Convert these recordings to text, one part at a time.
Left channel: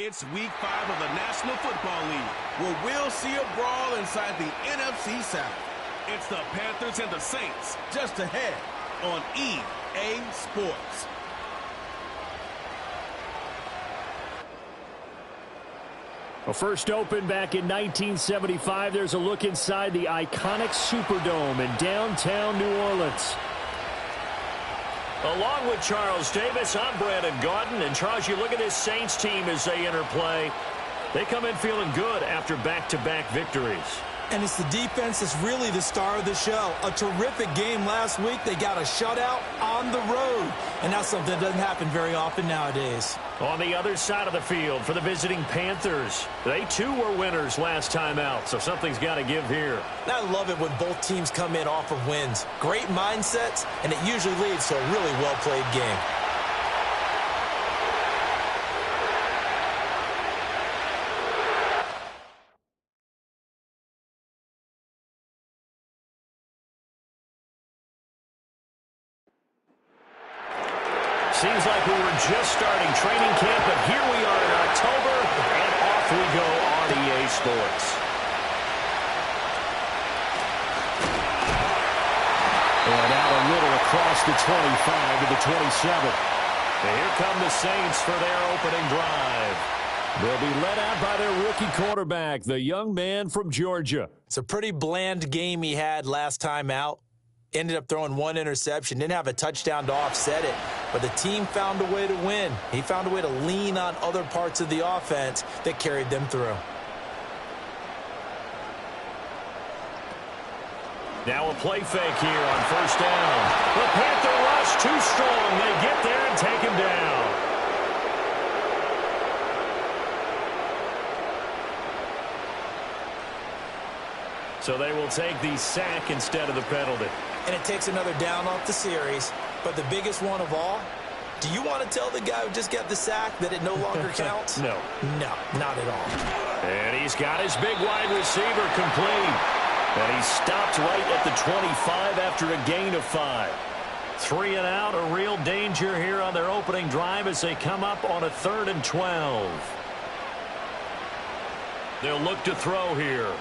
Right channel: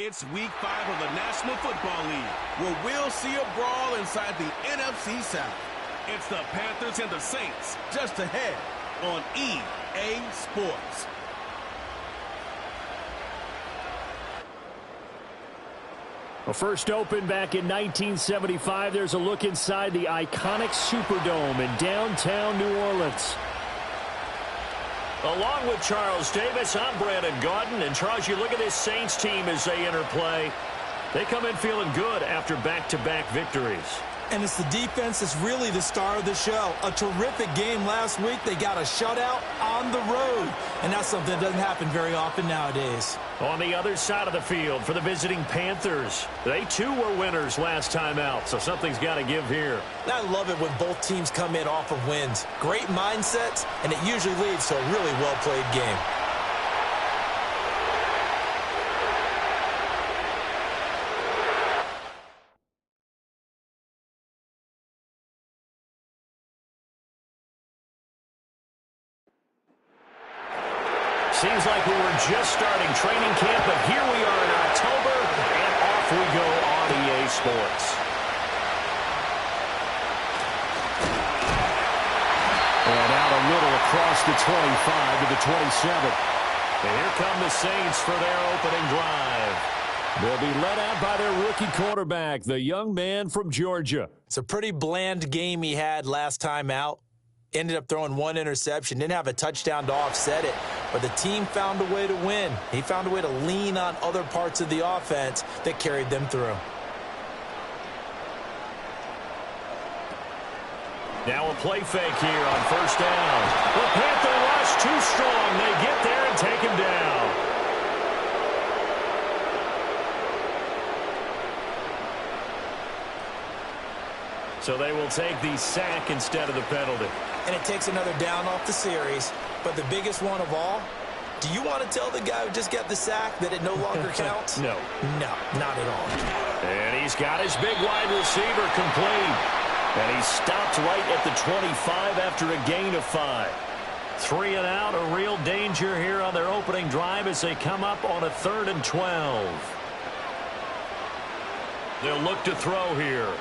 It's Week 5 of the National Football League, where we'll see a brawl inside the NFC South. It's the Panthers and the Saints, just ahead on EA Sports. Well, first opened back in 1975, there's a look inside the iconic Superdome in downtown New Orleans. Along with Charles Davis, I'm Brandon Gaudin. And Charles, you look at this Saints team as they enter play. They come in feeling good after back-to-back victories. And it's the defense that's really the star of the show. A terrific game last week. They got a shutout on the road. And that's something that doesn't happen very often nowadays. On the other side of the field for the visiting Panthers, they too were winners last time out, so something's got to give here. And I love it when both teams come in off of wins. Great mindsets, and it usually leads to a really well-played game. Seems like we were just starting training camp, but here we are in October, and off we go on EA Sports. And out a little across the 25 to the 27. And here come the Saints for their opening drive. They'll be led out by their rookie quarterback, the young man from Georgia. It's a pretty bland game he had last time out. Ended up throwing one interception. Didn't have a touchdown to offset it. But the team found a way to win. He found a way to lean on other parts of the offense that carried them through. Now a play fake here on first down. The Panther rush too strong. They get there and take him down. So they will take the sack instead of the penalty. And it takes another down off the series. But the biggest one of all, do you want to tell the guy who just got the sack that it no longer counts? No. No, not at all. And he's got his big wide receiver complete. And he stopped right at the 25 after a gain of 5. 3 and out, a real danger here on their opening drive as they come up on a 3rd and 12. They'll look to throw here.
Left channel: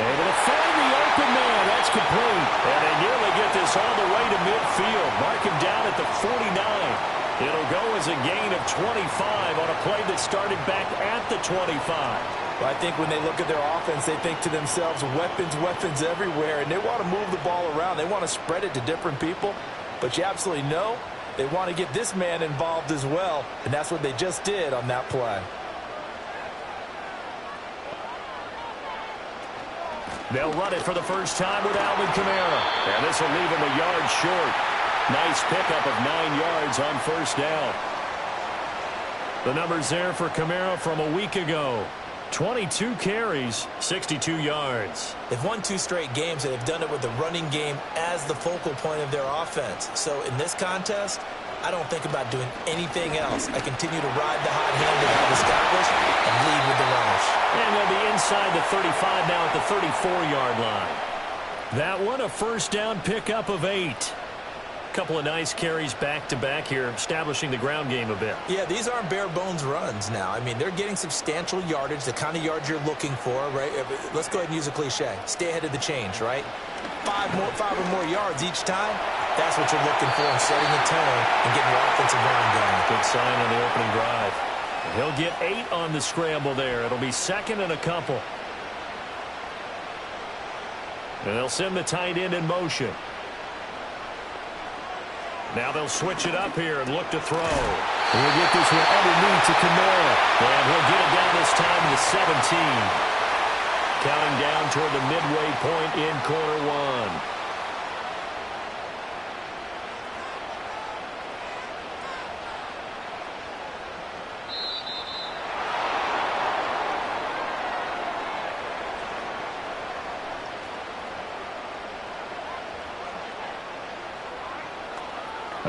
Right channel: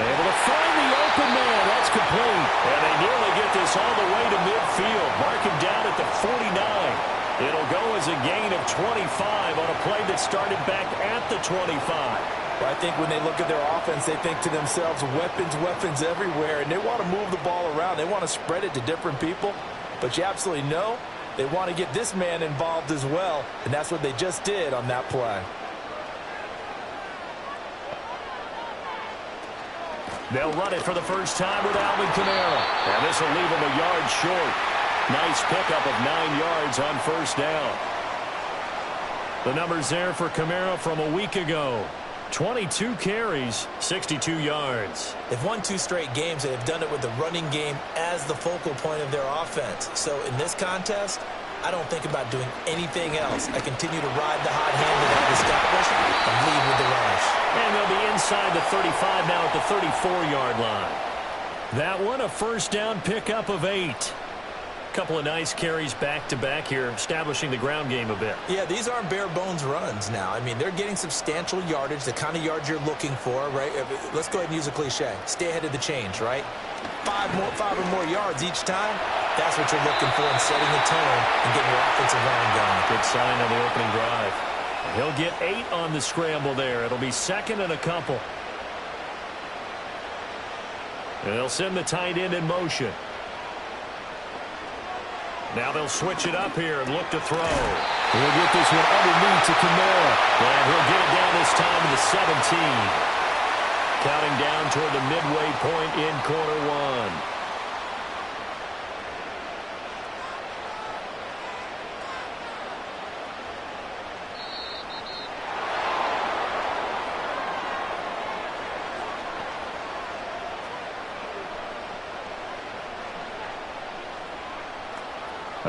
Able to find the open man. That's complete. And they nearly get this all the way to midfield. Mark him down at the 49. It'll go as a gain of 25 on a play that started back at the 25. Well, I think when they look at their offense, they think to themselves, weapons, weapons everywhere. And they want to move the ball around. They want to spread it to different people. But you absolutely know they want to get this man involved as well. And that's what they just did on that play. They'll run it for the first time with Alvin Kamara. And this will leave him a yard short. Nice pickup of 9 yards on first down. The numbers there for Kamara from a week ago. 22 carries, 62 yards. They've won 2 straight games, and they've done it with the running game as the focal point of their offense. So in this contest, I don't think about doing anything else. I continue to ride the hot hand they have established and lead with the runners. And they'll be inside the 35 now at the 34-yard line. That one, a first down pickup of 8. Couple of nice carries back-to-back here, establishing the ground game a bit. Yeah, these aren't bare-bones runs now. I mean, they're getting substantial yardage, the kind of yards you're looking for, right? Let's go ahead and use a cliche. Stay ahead of the change, right? 5 or more yards each time. That's what you're looking for in setting the tone and getting your offensive line going. Good sign on the opening drive. And he'll get 8 on the scramble there. It'll be 2nd and a couple. And they'll send the tight end in motion. Now they'll switch it up here and look to throw. We'll get this one underneath to Kamara. And he'll get it down this time to the 17. Counting down toward the midway point in quarter 1.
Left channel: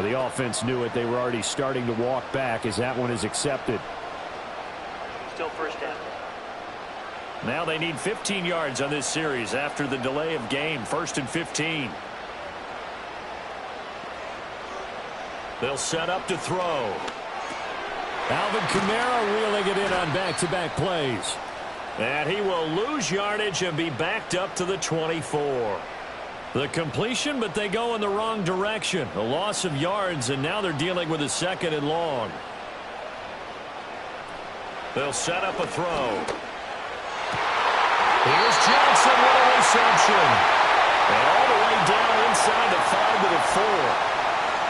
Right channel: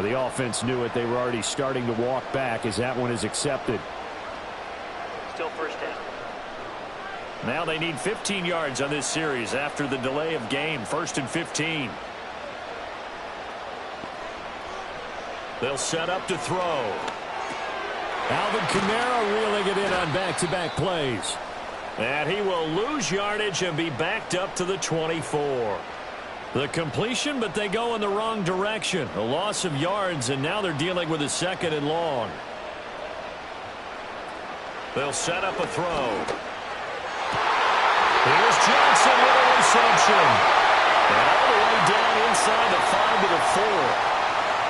The offense knew it. They were already starting to walk back as that one is accepted. Still first down. Now they need 15 yards on this series after the delay of game. 1st and 15. They'll set up to throw. Alvin Kamara reeling it in on back-to-back plays. And he will lose yardage and be backed up to the 24. The completion, but they go in the wrong direction. A loss of yards, and now they're dealing with a 2nd and long. They'll set up a throw. Here's Johnson with a reception. And all the way down inside the 5 to the 4.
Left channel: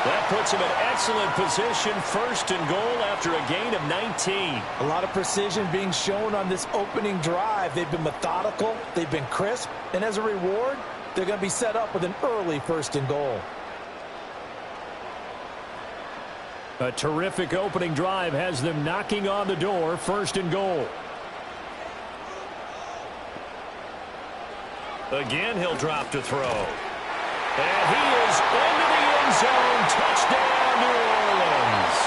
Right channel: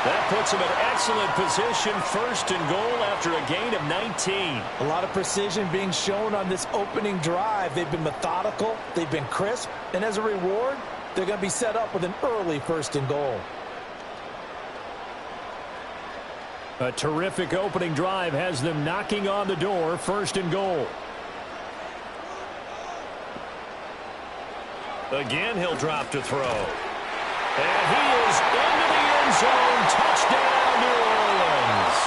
That puts him in excellent position, 1st and goal after a gain of 19. A lot of precision being shown on this opening drive. They've been methodical, they've been crisp, and as a reward, they're going to be set up with an early 1st and goal. A terrific opening drive has them knocking on the door, 1st and goal. Again, he'll drop to throw. And he is into the end zone. Touchdown, New Orleans.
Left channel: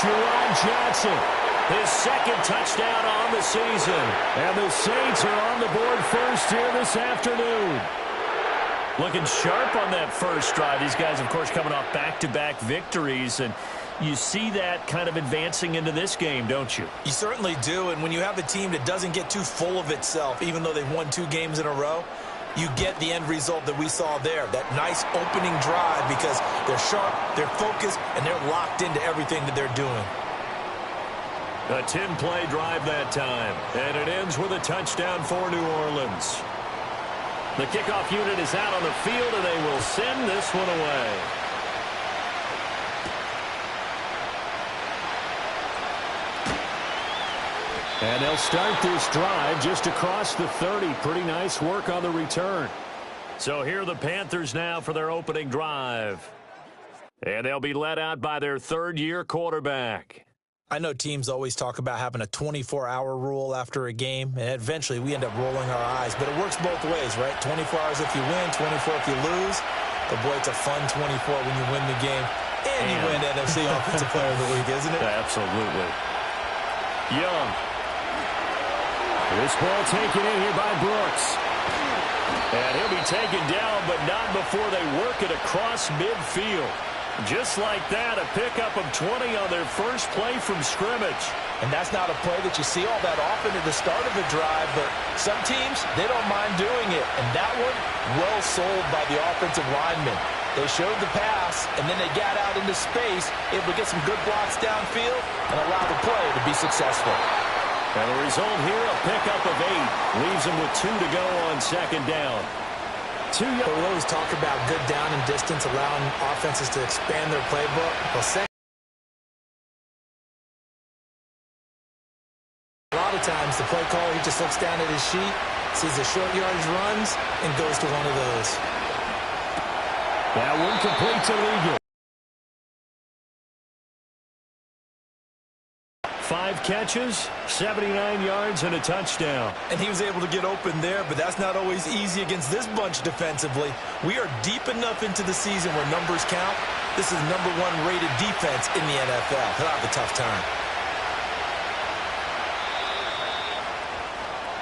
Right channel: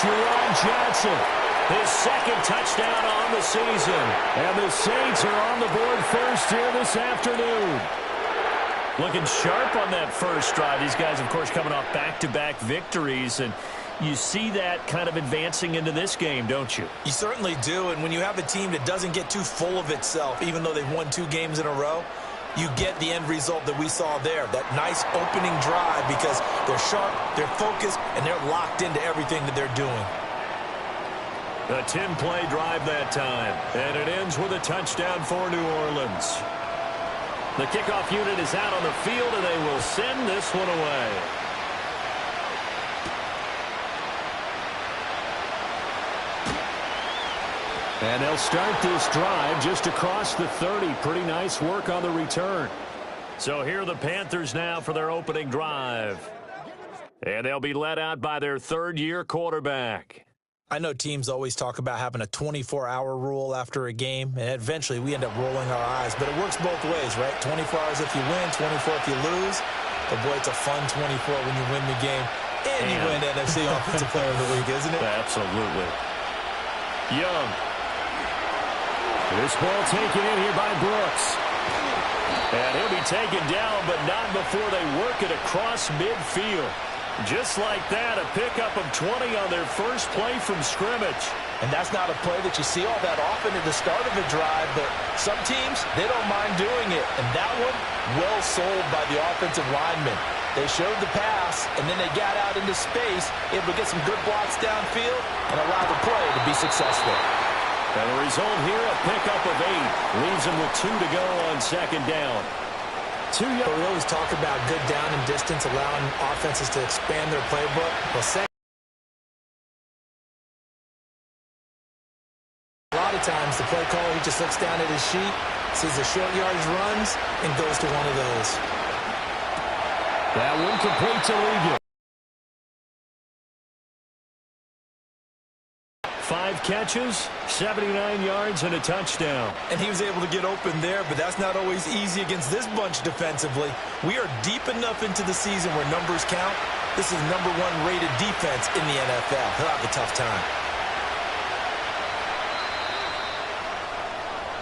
Jerron Johnson, his 2nd touchdown on the season. And the Saints are on the board first here this afternoon. Looking sharp on that first drive. These guys, of course, coming off back-to-back victories. And you see that kind of advancing into this game, don't you? You certainly do. And when you have a team that doesn't get too full of itself, even though they've won 2 games in a row, you get the end result that we saw there, that nice opening drive, because they're sharp, they're focused, and they're locked into everything that they're doing. A 10-play drive that time, and it ends with a touchdown for New Orleans. The kickoff unit is out on the field, and they will send this one away. And they'll start this drive just across the 30. Pretty nice work on the return. So here are the Panthers now for their opening drive. And they'll be led out by their 3rd-year quarterback. I know teams always talk about having a 24-hour rule after a game, and eventually we end up rolling our eyes. But it works both ways, right? 24 hours if you win, 24 if you lose. But, boy, it's a fun 24 when you win the game. And you win NFC Offensive Player of the Week, isn't it? Absolutely. Young. This ball taken in here by Brooks. And he'll be taken down, but not before they work it across midfield. Just like that, a pickup of 20 on their first play from scrimmage. And that's not a play that you see all that often at the start of a drive, but some teams, they don't mind doing it. And that one, well sold by the offensive lineman. They showed the pass, and then they got out into space, able to get some good blocks downfield and allow the play to be successful. And the result here, a pickup of 8. Leaves them with 2 to go on 2nd down. But we always talk about good down and distance, allowing offenses to expand their playbook. Well, a lot of times the play caller, he just looks down at his sheet, sees the short yardage runs, and goes to one of those. That one complete to Ligon. 5 catches, 79 yards, and a touchdown. And he was able to get open there, but that's not always easy against this bunch defensively. We are deep enough into the season where numbers count. This is #1 rated defense in the NFL. He'll have a tough time.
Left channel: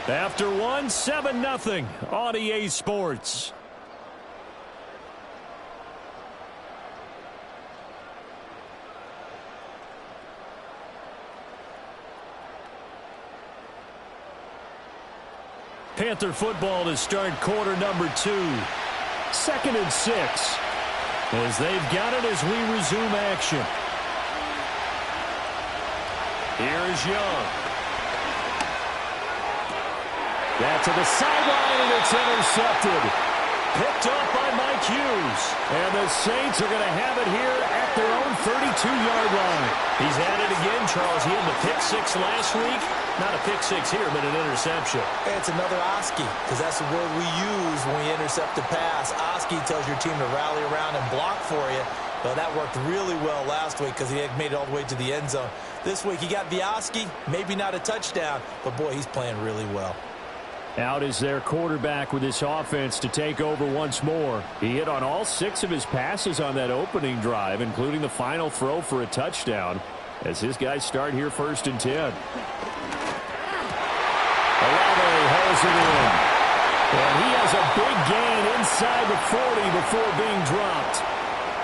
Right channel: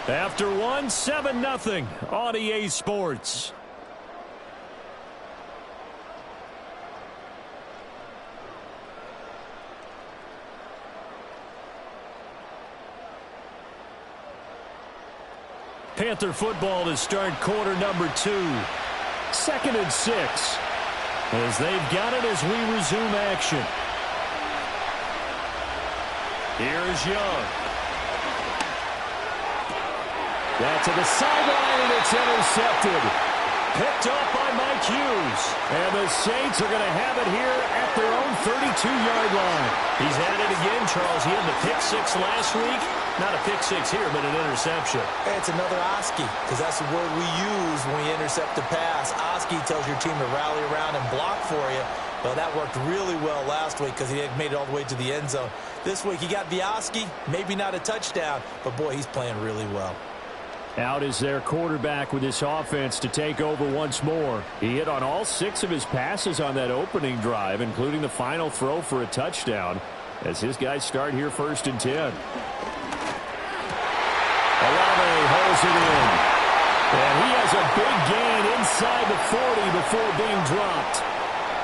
After 1, 7-0 on EA Sports. Panther football to start quarter number 2. 2nd and 6. As they've got it as we resume action. Here is Young. That's to the sideline, and it's intercepted. Picked off by Mike Hughes. And the Saints are going to have it here at their own 32-yard line. He's at it again, Charles. He had the pick-6 last week. Not a pick-6 here, but an interception. It's another Oski, because that's the word we use when we intercept a pass. Oski tells your team to rally around and block for you. Well, that worked really well last week because he had made it all the way to the end zone. This week he got the Oski, maybe not a touchdown, but, boy, he's playing really well. Out is their quarterback with this offense to take over once more. He hit on all 6 of his passes on that opening drive, including the final throw for a touchdown, as his guys start here 1st and 10. Olave holds it in. And he has a big gain inside the 40 before being dropped.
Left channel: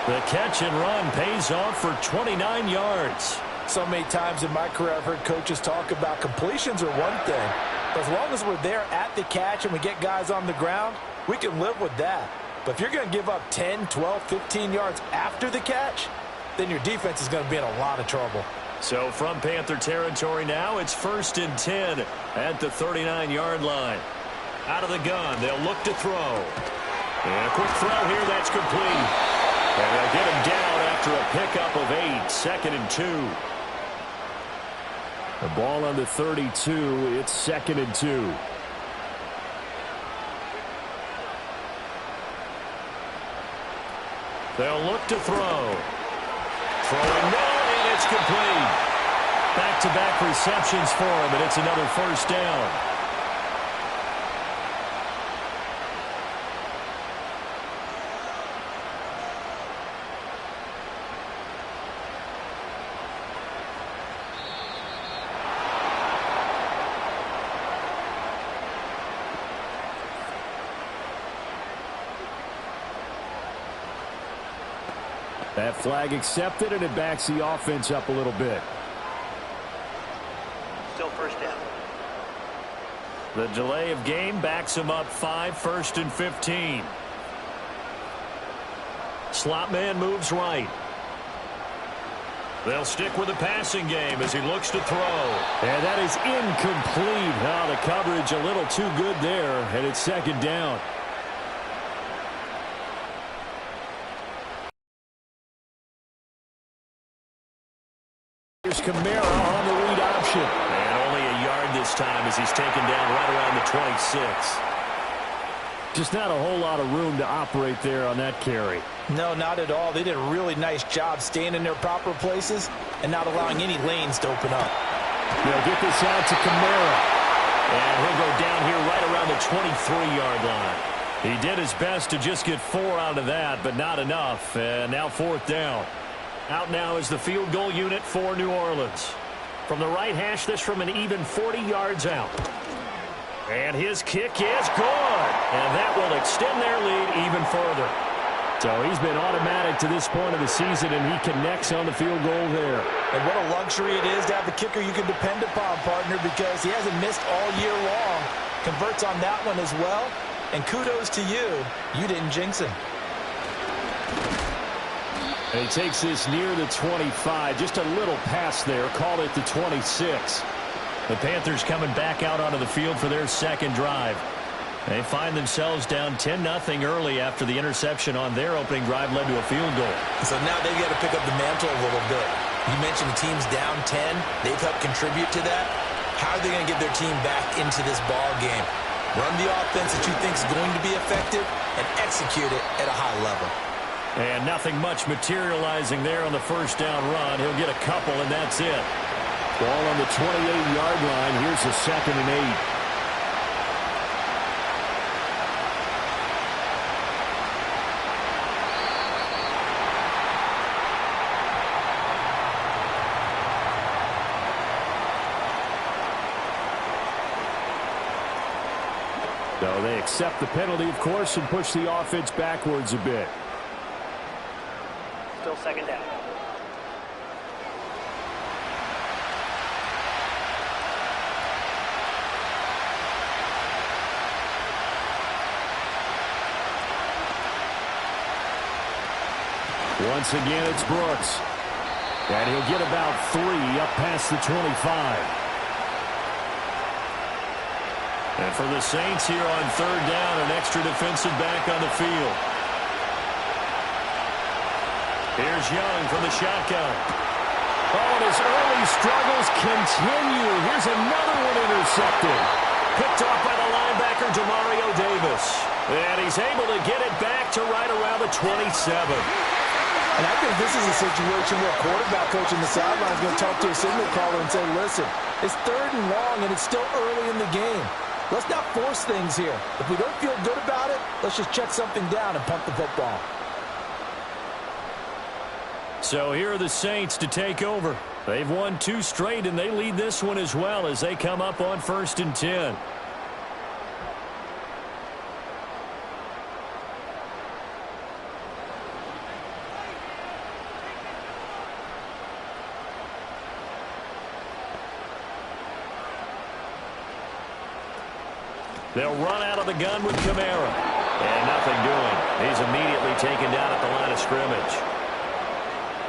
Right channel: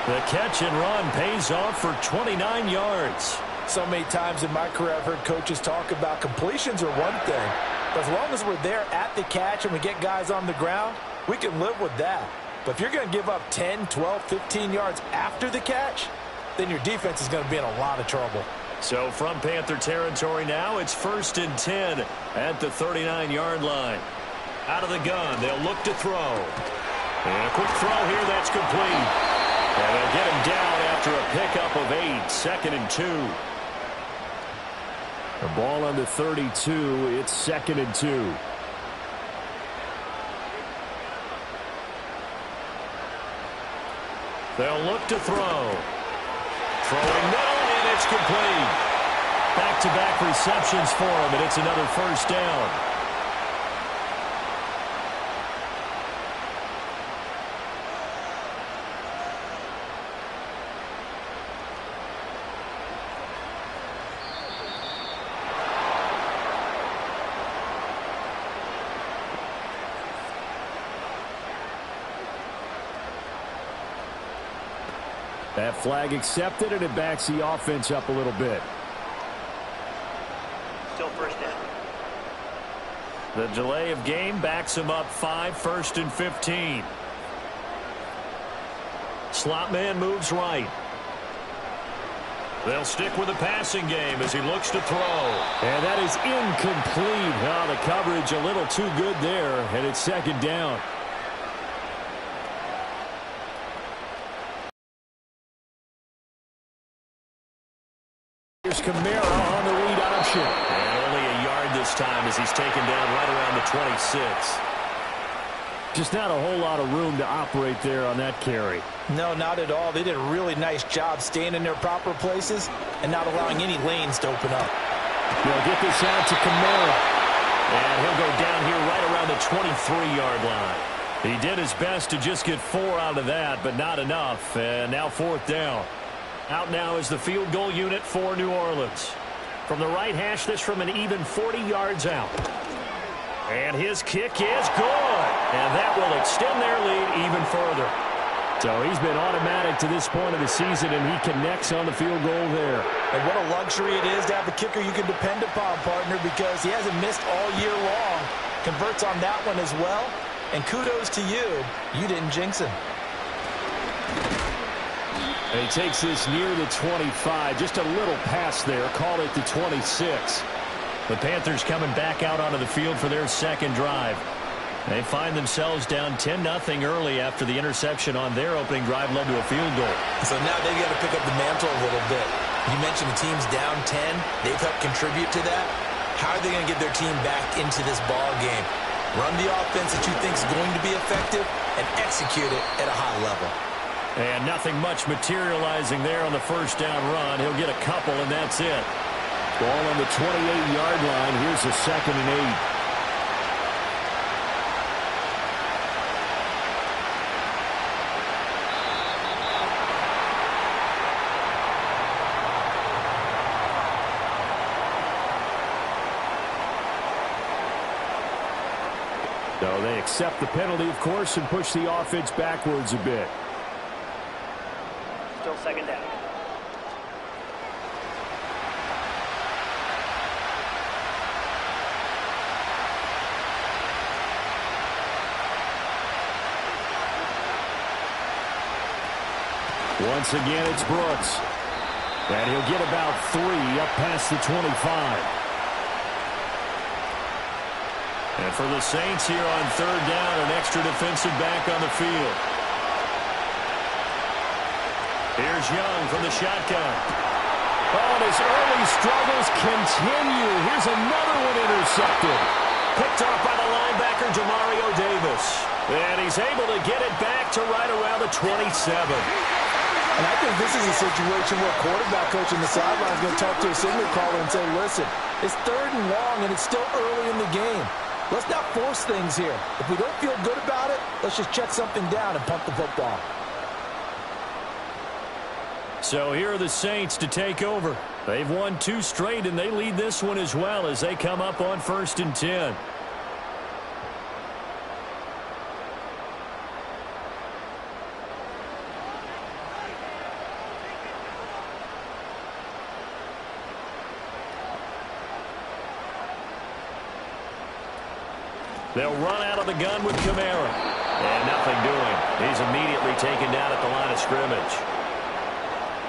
The catch and run pays off for 29 yards. So many times in my career I've heard coaches talk about completions are one thing, but as long as we're there at the catch and we get guys on the ground, we can live with that. But if you're going to give up 10, 12, 15 yards after the catch, then your defense is going to be in a lot of trouble. So from Panther territory now, it's 1st and 10 at the 39-yard line. Out of the gun, they'll look to throw. And a quick throw here, that's complete. And they'll get him down after a pickup of 8, 2nd and 2. The ball on the 32, it's 2nd and 2. They'll look to throw. Throwing middle, and it's complete. Back-to-back receptions for him, and it's another 1st down. That flag accepted, and it backs the offense up a little bit. Still 1st down. The delay of game backs him up 5, 1st and 15. Slot man moves right. They'll stick with the passing game as he looks to throw. And that is incomplete. Oh, the coverage a little too good there, and it's 2nd down. Here's Kamara on the read option. And only a yard this time as he's taken down right around the 26. Just not a whole lot of room to operate there on that carry. No, not at all. They did a really nice job staying in their proper places and not allowing any lanes to open up. They'll get this out to Kamara. And he'll go down here right around the 23-yard line. He did his best to just get 4 out of that, but not enough. And now 4th down. Out now is the field goal unit for New Orleans. From the right hash, this from an even 40 yards out. And his kick is good. And that will extend their lead even further. So he's been automatic to this point of the season, and he connects on the field goal there. And what a luxury it is to have a kicker you can depend upon, partner, because he hasn't missed all year long. Converts on that one as well. And kudos to you. You didn't jinx him. And he takes this near the 25. Just a little pass there. Call it the 26. The Panthers coming back out onto the field for their 2nd drive. They find themselves down 10-0 early after the interception on their opening drive led to a field goal. So now they've got to pick up the mantle a little bit. You mentioned the team's down 10. They've helped contribute to that. How are they going to get their team back into this ball game? Run the offense that you think is going to be effective and execute it at a high level. And nothing much materializing there on the 1st down run. He'll get a couple, and that's it. Ball on the 28-yard line. Here's a 2nd and 8. So they accept the penalty, of course, and push the offense backwards a bit. Still 2nd down. Once again, it's Brooks. And he'll get about 3 up past the 25. And for the Saints here on 3rd down, an extra defensive back on the field. Here's Young from the shotgun. Oh, and his early struggles continue. Here's another one intercepted. Picked off by the linebacker, Demario Davis. And he's able to get it back to right around the 27. And I think this is a situation where a quarterback coach in the sideline is going to talk to a signal caller and say, listen, it's 3rd and long, and it's still early in the game. Let's not force things here. If we don't feel good about it, let's just check something down and punt the football. So here are the Saints to take over. They've won 2 straight, and they lead this one as well as they come up on 1st and 10. They'll run out of the gun with Kamara. And nothing doing. He's immediately taken down at the line of scrimmage.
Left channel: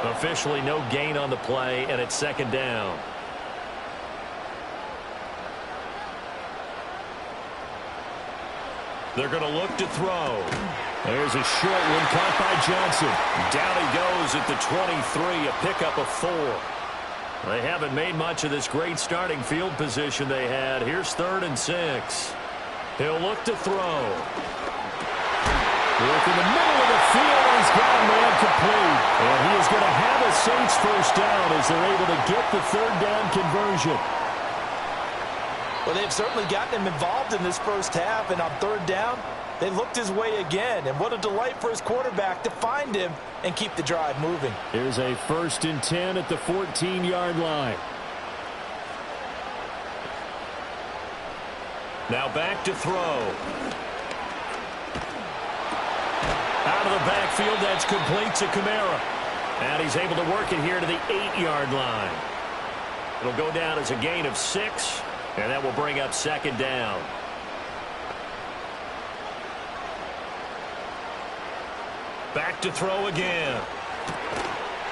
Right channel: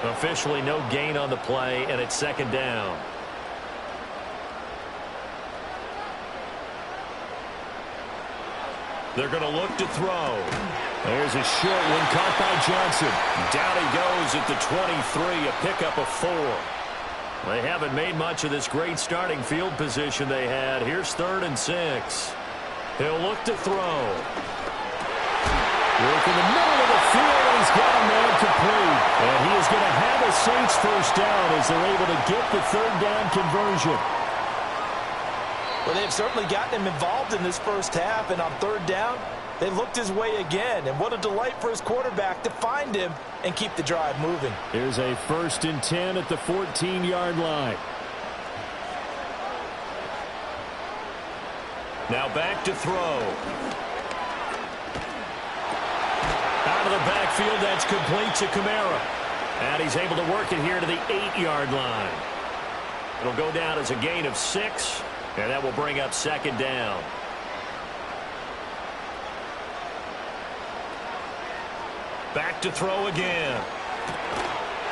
Officially no gain on the play, and it's second down. They're going to look to throw. There's a short one caught by Johnson. Down he goes at the 23, a pickup of 4. They haven't made much of this great starting field position they had. Here's 3rd and 6. He'll look to throw. Work in the middle of the field, and he's got a man complete. And he is going to have a Saints first down as they're able to get the 3rd down conversion. Well, they've certainly gotten him involved in this first half, and on 3rd down, they looked his way again. And what a delight for his quarterback to find him and keep the drive moving. Here's a 1st and 10 at the 14-yard line. Now back to throw. Out of the backfield, that's complete to Kamara. And he's able to work it here to the 8-yard line. It'll go down as a gain of 6, and that will bring up 2nd down. Back to throw again.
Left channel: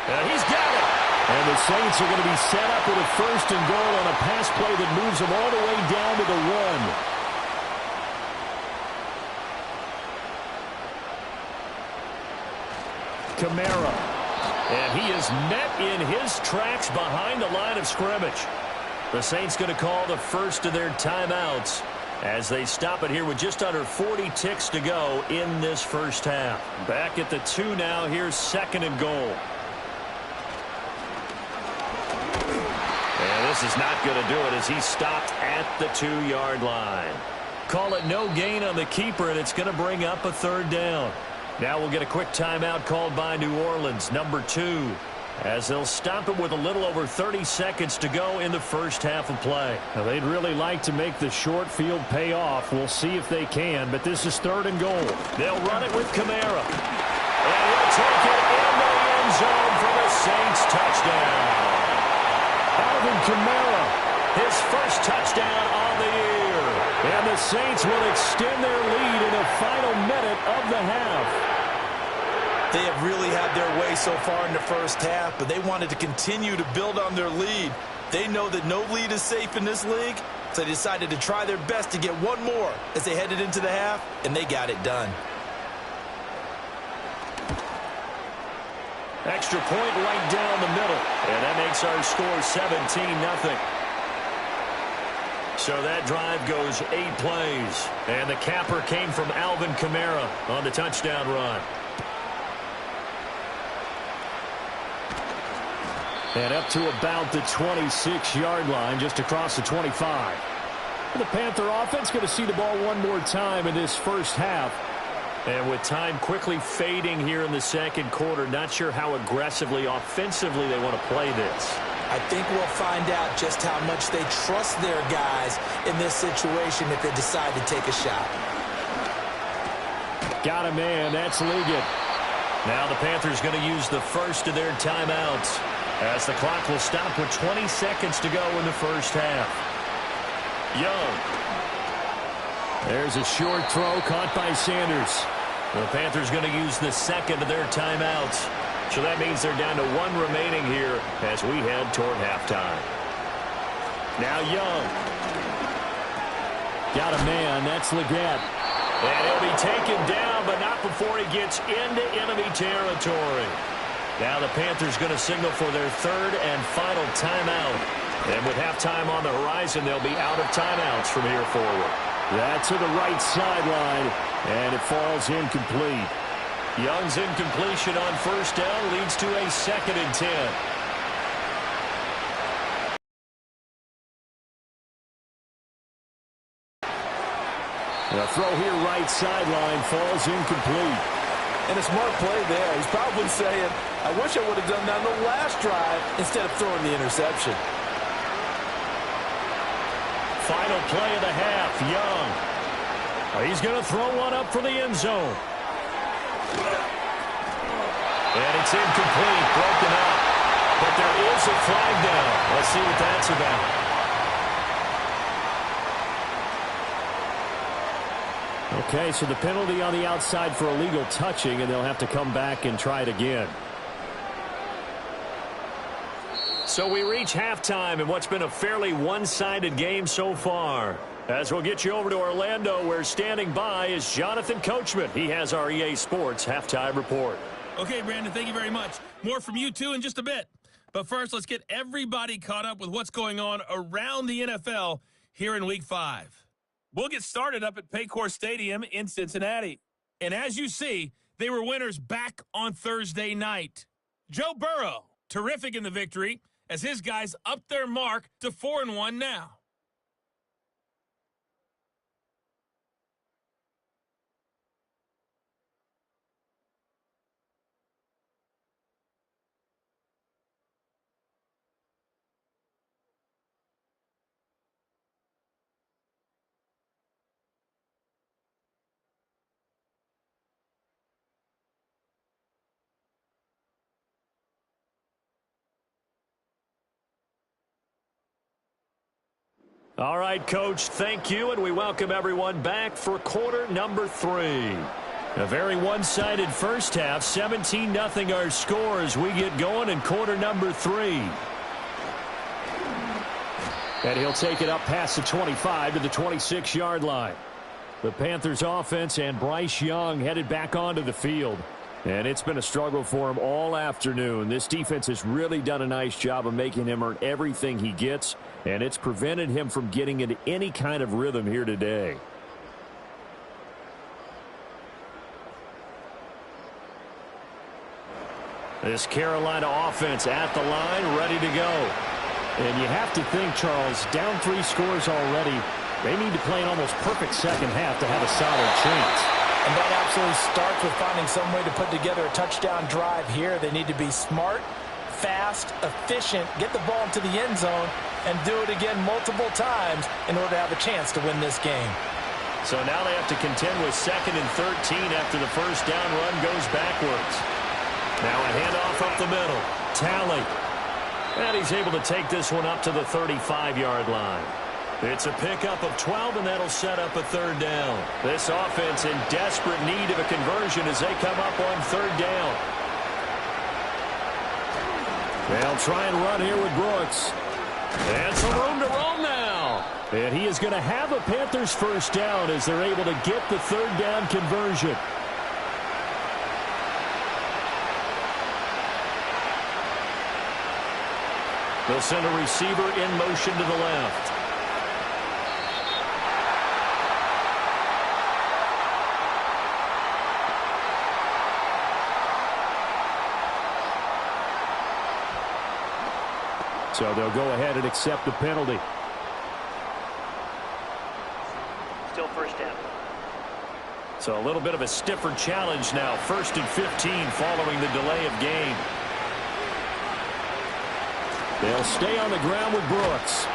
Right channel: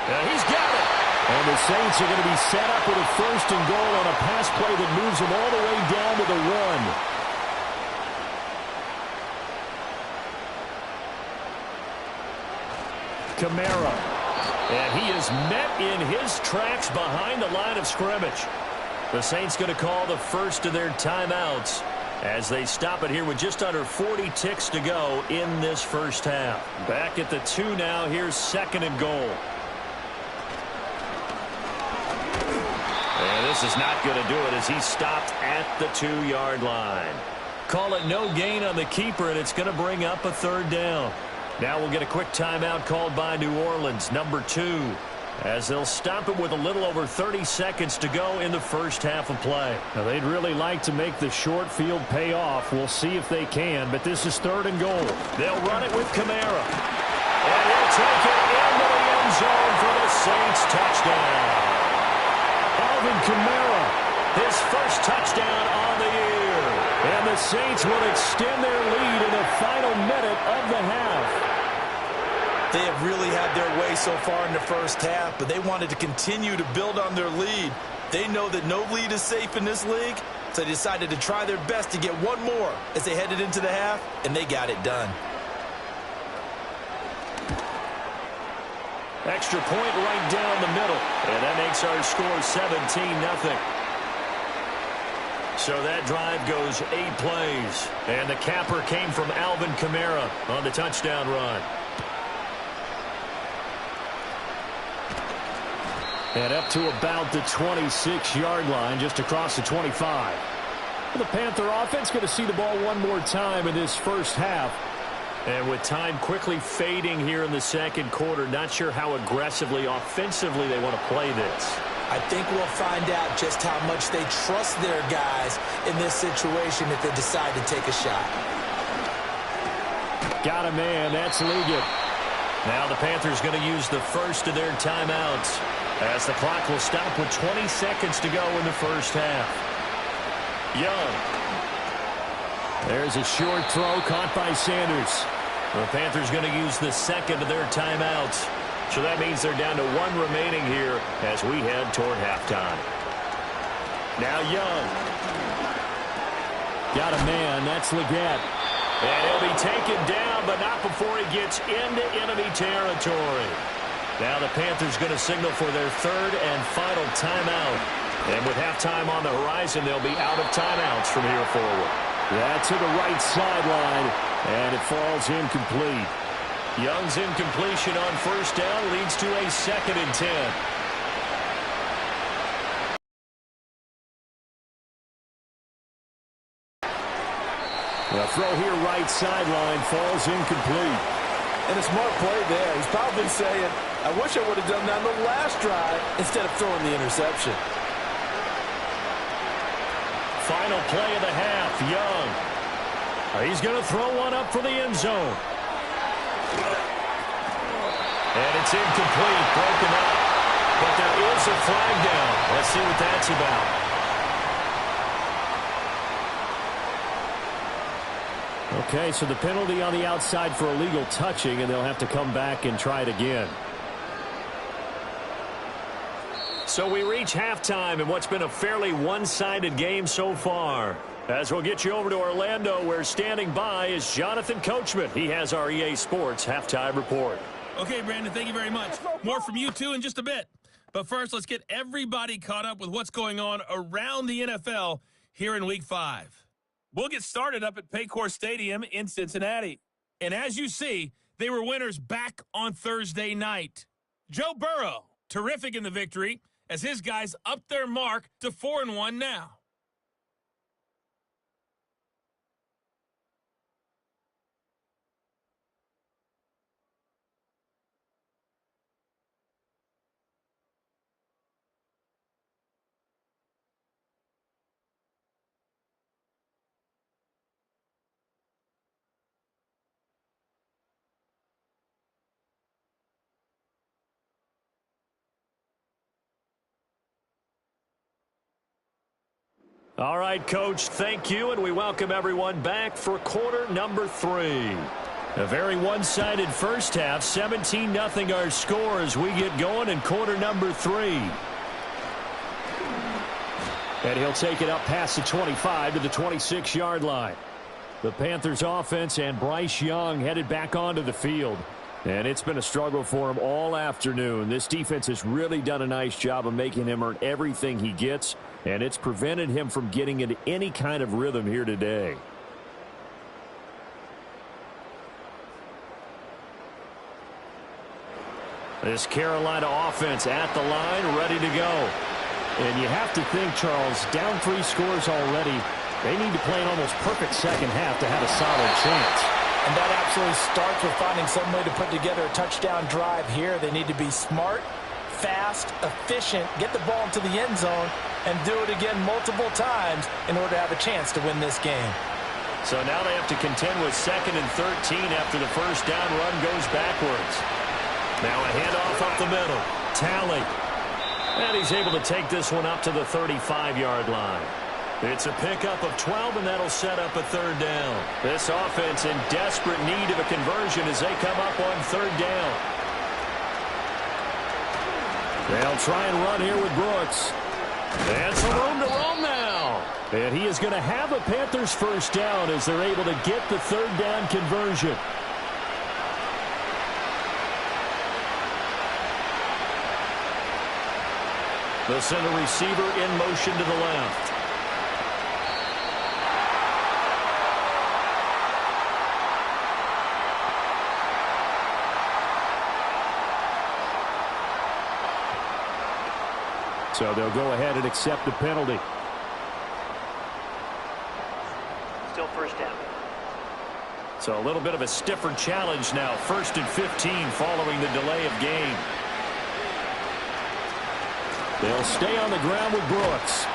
And he's got it. And the Saints are going to be set up with a 1st and goal on a pass play that moves them all the way down to the 1. Kamara. And he is met in his tracks behind the line of scrimmage. The Saints going to call the first of their timeouts as they stop it here with just under 40 ticks to go in this first half. Back at the 2 now. Here's 2nd and goal. And this is not going to do it as he stopped at the 2-yard line. Call it no gain on the keeper, and it's going to bring up a 3rd down. Now we'll get a quick timeout called by New Orleans, number 2, as they'll stop it with a little over 30 seconds to go in the first half of play. Now, they'd really like to make the short field pay off. We'll see if they can, but this is 3rd and goal. They'll run it with Kamara. And he'll take it into the end zone for the Saints touchdown. Alvin Kamara, his first touchdown on the year. And the Saints will extend their lead in the final minute of the half. They have really had their way so far in the first half, but they wanted to continue to build on their lead. They know that no lead is safe in this league, so they decided to try their best to get one more as they headed into the half, and they got it done. Extra point right down the middle, and that makes our score 17-0. So that drive goes 8 plays, and the capper came from Alvin Kamara on the touchdown run. And up to about the 26-yard line, just across the 25. The Panther offense going to see the ball one more time in this first half. And with time quickly fading here in the second quarter, not sure how aggressively, offensively they want to play this. I think we'll find out just how much they trust their guys in this situation if they decide to take a shot. Got a man. That's Ligon. Now the Panthers going to use the first of their timeouts as the clock will stop with 20 seconds to go in the first half. Young. There's a short throw caught by Sanders. The Panthers going to use the second of their timeouts. So that means they're down to 1 remaining here as we head toward halftime. Now Young. Got a man. That's Leggett. And he'll be taken down, but not before he gets into enemy territory. Now the Panthers going to signal for their 3rd and final timeout. And with halftime on the horizon, they'll be out of timeouts from here forward. That's to the right sideline, and it falls incomplete. Young's incompletion on first down leads to a 2nd and 10. The throw here right sideline falls incomplete. And a smart play there. He's probably saying, I wish I would have done that on the last drive instead of throwing the interception. Final play of the half, Young. He's going to throw one up for the end zone. And it's incomplete, broken up. But there is a flag down. Let's see what that's about. Okay, so the penalty on the outside for illegal touching, and they'll have to come back and try it again. So we reach halftime in what's been a fairly one-sided game so far. As we'll get you over to Orlando, where standing by is Jonathan Coachman. He has our EA Sports halftime report. Okay, Brandon, thank you very much. More from you, too, in just a bit. But first, let's get everybody caught up with what's going on around the NFL here in Week 5. We'll get started up at Paycor Stadium in Cincinnati. And as you see, they were winners back on Thursday night. Joe Burrow, terrific in the victory, as his guys upped their mark to 4-1 now. All right, Coach, thank you, and we welcome everyone back for quarter number 3. A very one-sided first half, 17-0 our score as we get going in quarter number 3. And he'll take it up past the 25 to the 26-yard line. The Panthers offense and Bryce Young headed back onto the field. And it's been a struggle for him all afternoon. This defense has really done a nice job of making him earn everything he gets, and it's prevented him from getting into any kind of rhythm here today. This Carolina offense at the line, ready to go. And you have to think, Charles, down 3 scores already, they need to play an almost perfect second half to have a solid chance. And that absolutely starts with finding some way to put together a touchdown drive here. They need to be smart, fast, efficient, get the ball into the end zone, and do it again multiple times in order to have a chance to win this game. So now they have to contend with 2nd and 13 after the first down run goes backwards. Now a handoff up the middle. Talley. And he's able to take this one up to the 35-yard line. It's a pickup of 12, and that'll set up a 3rd down. This offense in desperate need of a conversion as they come up on 3rd down. They'll try and run here with Brooks. And some room to roam now. And he is going to have a Panthers first down as they're able to get the 3rd down conversion. They'll send a receiver in motion to the left. So they'll go ahead and accept the penalty. Still first down. So a little bit of a stiffer challenge now. 1st and 15 following the delay of game. They'll stay on the ground with Brooks.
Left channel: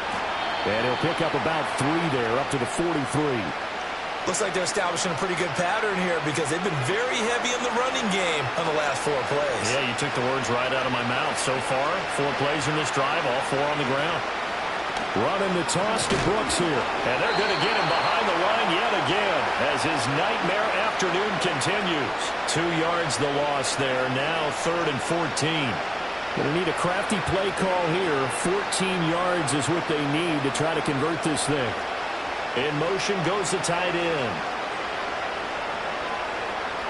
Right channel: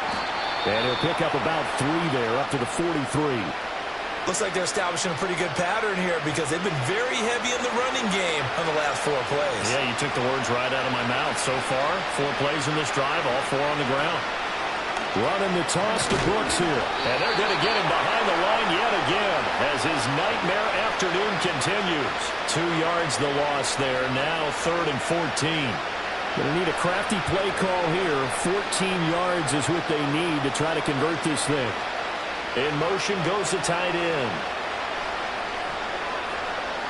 And he'll pick up about 3 there, up to the 43. Looks like they're establishing a pretty good pattern here because they've been very heavy in the running game on the last 4 plays. Yeah, you took the words right out of my mouth. So far, 4 plays in this drive, all 4 on the ground. Running the toss to Brooks here. And they're going to get him behind the line yet again as his nightmare afternoon continues. 2 yards the loss there. Now 3rd and 14. Going to need a crafty play call here. 14 yards is what they need to try to convert this thing. In motion goes the tight end.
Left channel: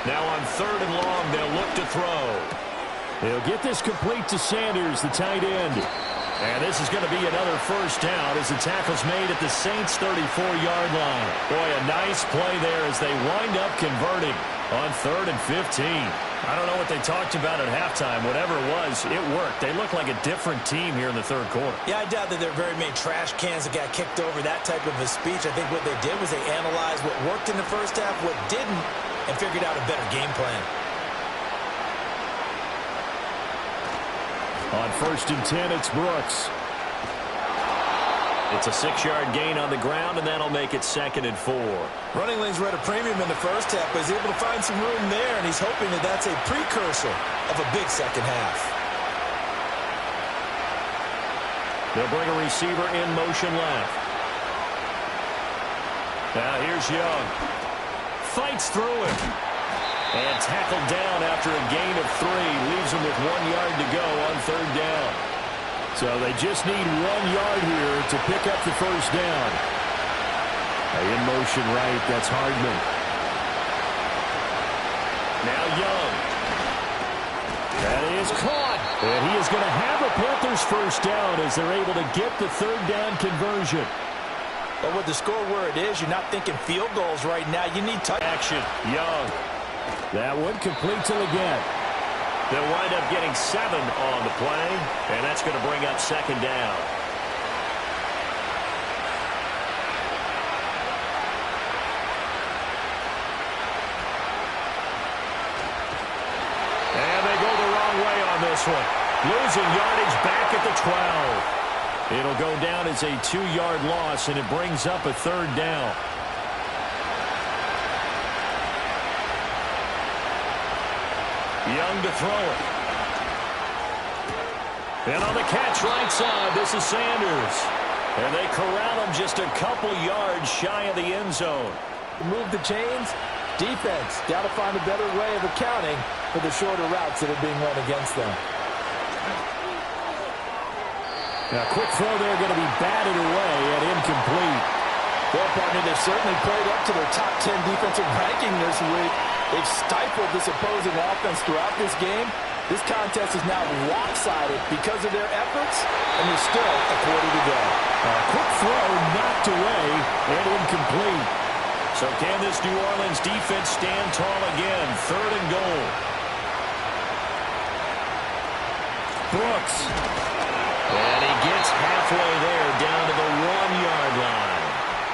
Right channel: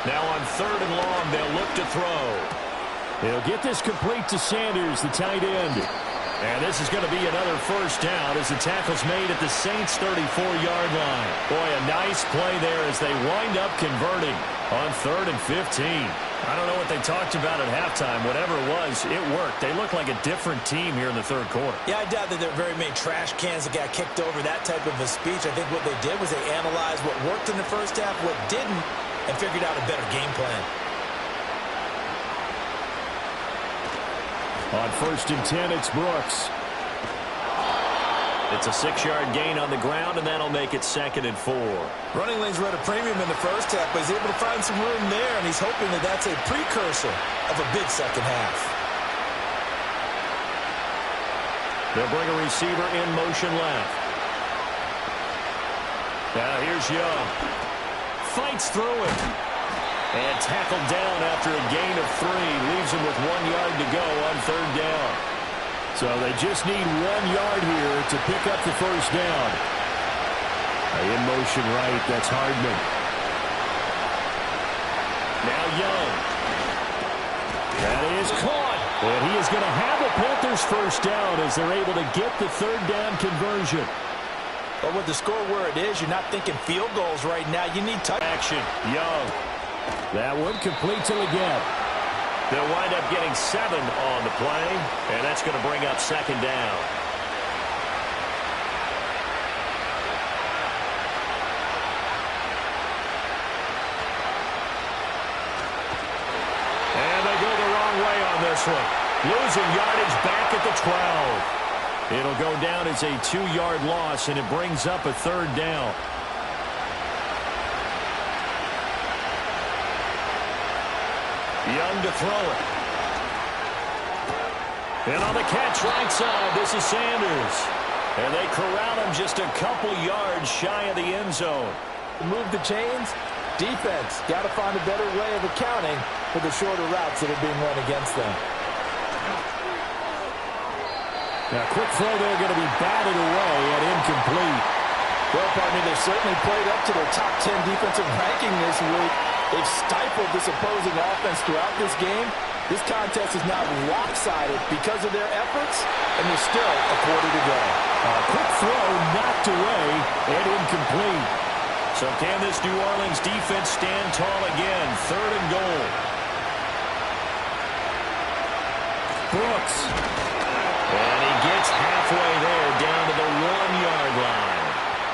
Now on 3rd and long, they'll look to throw. They'll get this complete to Sanders, the tight end. And this is going to be another first down as the tackle's made at the Saints' 34-yard line. Boy, a nice play there as they wind up converting on 3rd and 15. I don't know what they talked about at halftime. Whatever it was, it worked. They look like a different team here in the 3rd quarter. Yeah, I doubt that there are very many trash cans that got kicked over, that type of a speech. I think what they did was they analyzed what worked in the first half, what didn't, and figured out a better game plan. On 1st and 10, it's Brooks. It's a 6-yard gain on the ground, and that'll make it 2nd and 4. Running lanes were at a premium in the first half, but he's able to find some room there, and he's hoping that that's a precursor of a big second half. They'll bring a receiver in motion left. Now here's Young. fights through it. And tackled down after a gain of 3. Leaves him with 1 yard to go on 3rd down. So they just need 1 yard here to pick up the first down. In motion right, that's Hardman. Now Young. That is caught. And he is going to have a Panthers first down as they're able to get the 3rd down conversion. But with the score where it is, you're not thinking field goals right now. You need touch action. Young. That one complete till again. They'll wind up getting 7 on the play, and that's going to bring up 2nd down. And they go the wrong way on this one. Losing yardage back at the 12. It'll go down as a 2-yard loss, and it brings up a 3rd down. Young to throw it. And on the catch right side, this is Sanders. And they corral him just a couple yards shy of the end zone. Move the chains. Defense got to find a better way of accounting for the shorter routes that are being run against them. Now, quick throw there going to be batted away and incomplete. Well, partner, they've certainly played up to their top 10 defensive ranking this week. They've stifled this opposing offense throughout this game. This contest is now lopsided because of their efforts, and there's still a quarter to go. A quick throw knocked away and incomplete. So can this New Orleans defense stand tall again? 3rd and goal. Brooks. And he gets halfway there down to the 1-yard line.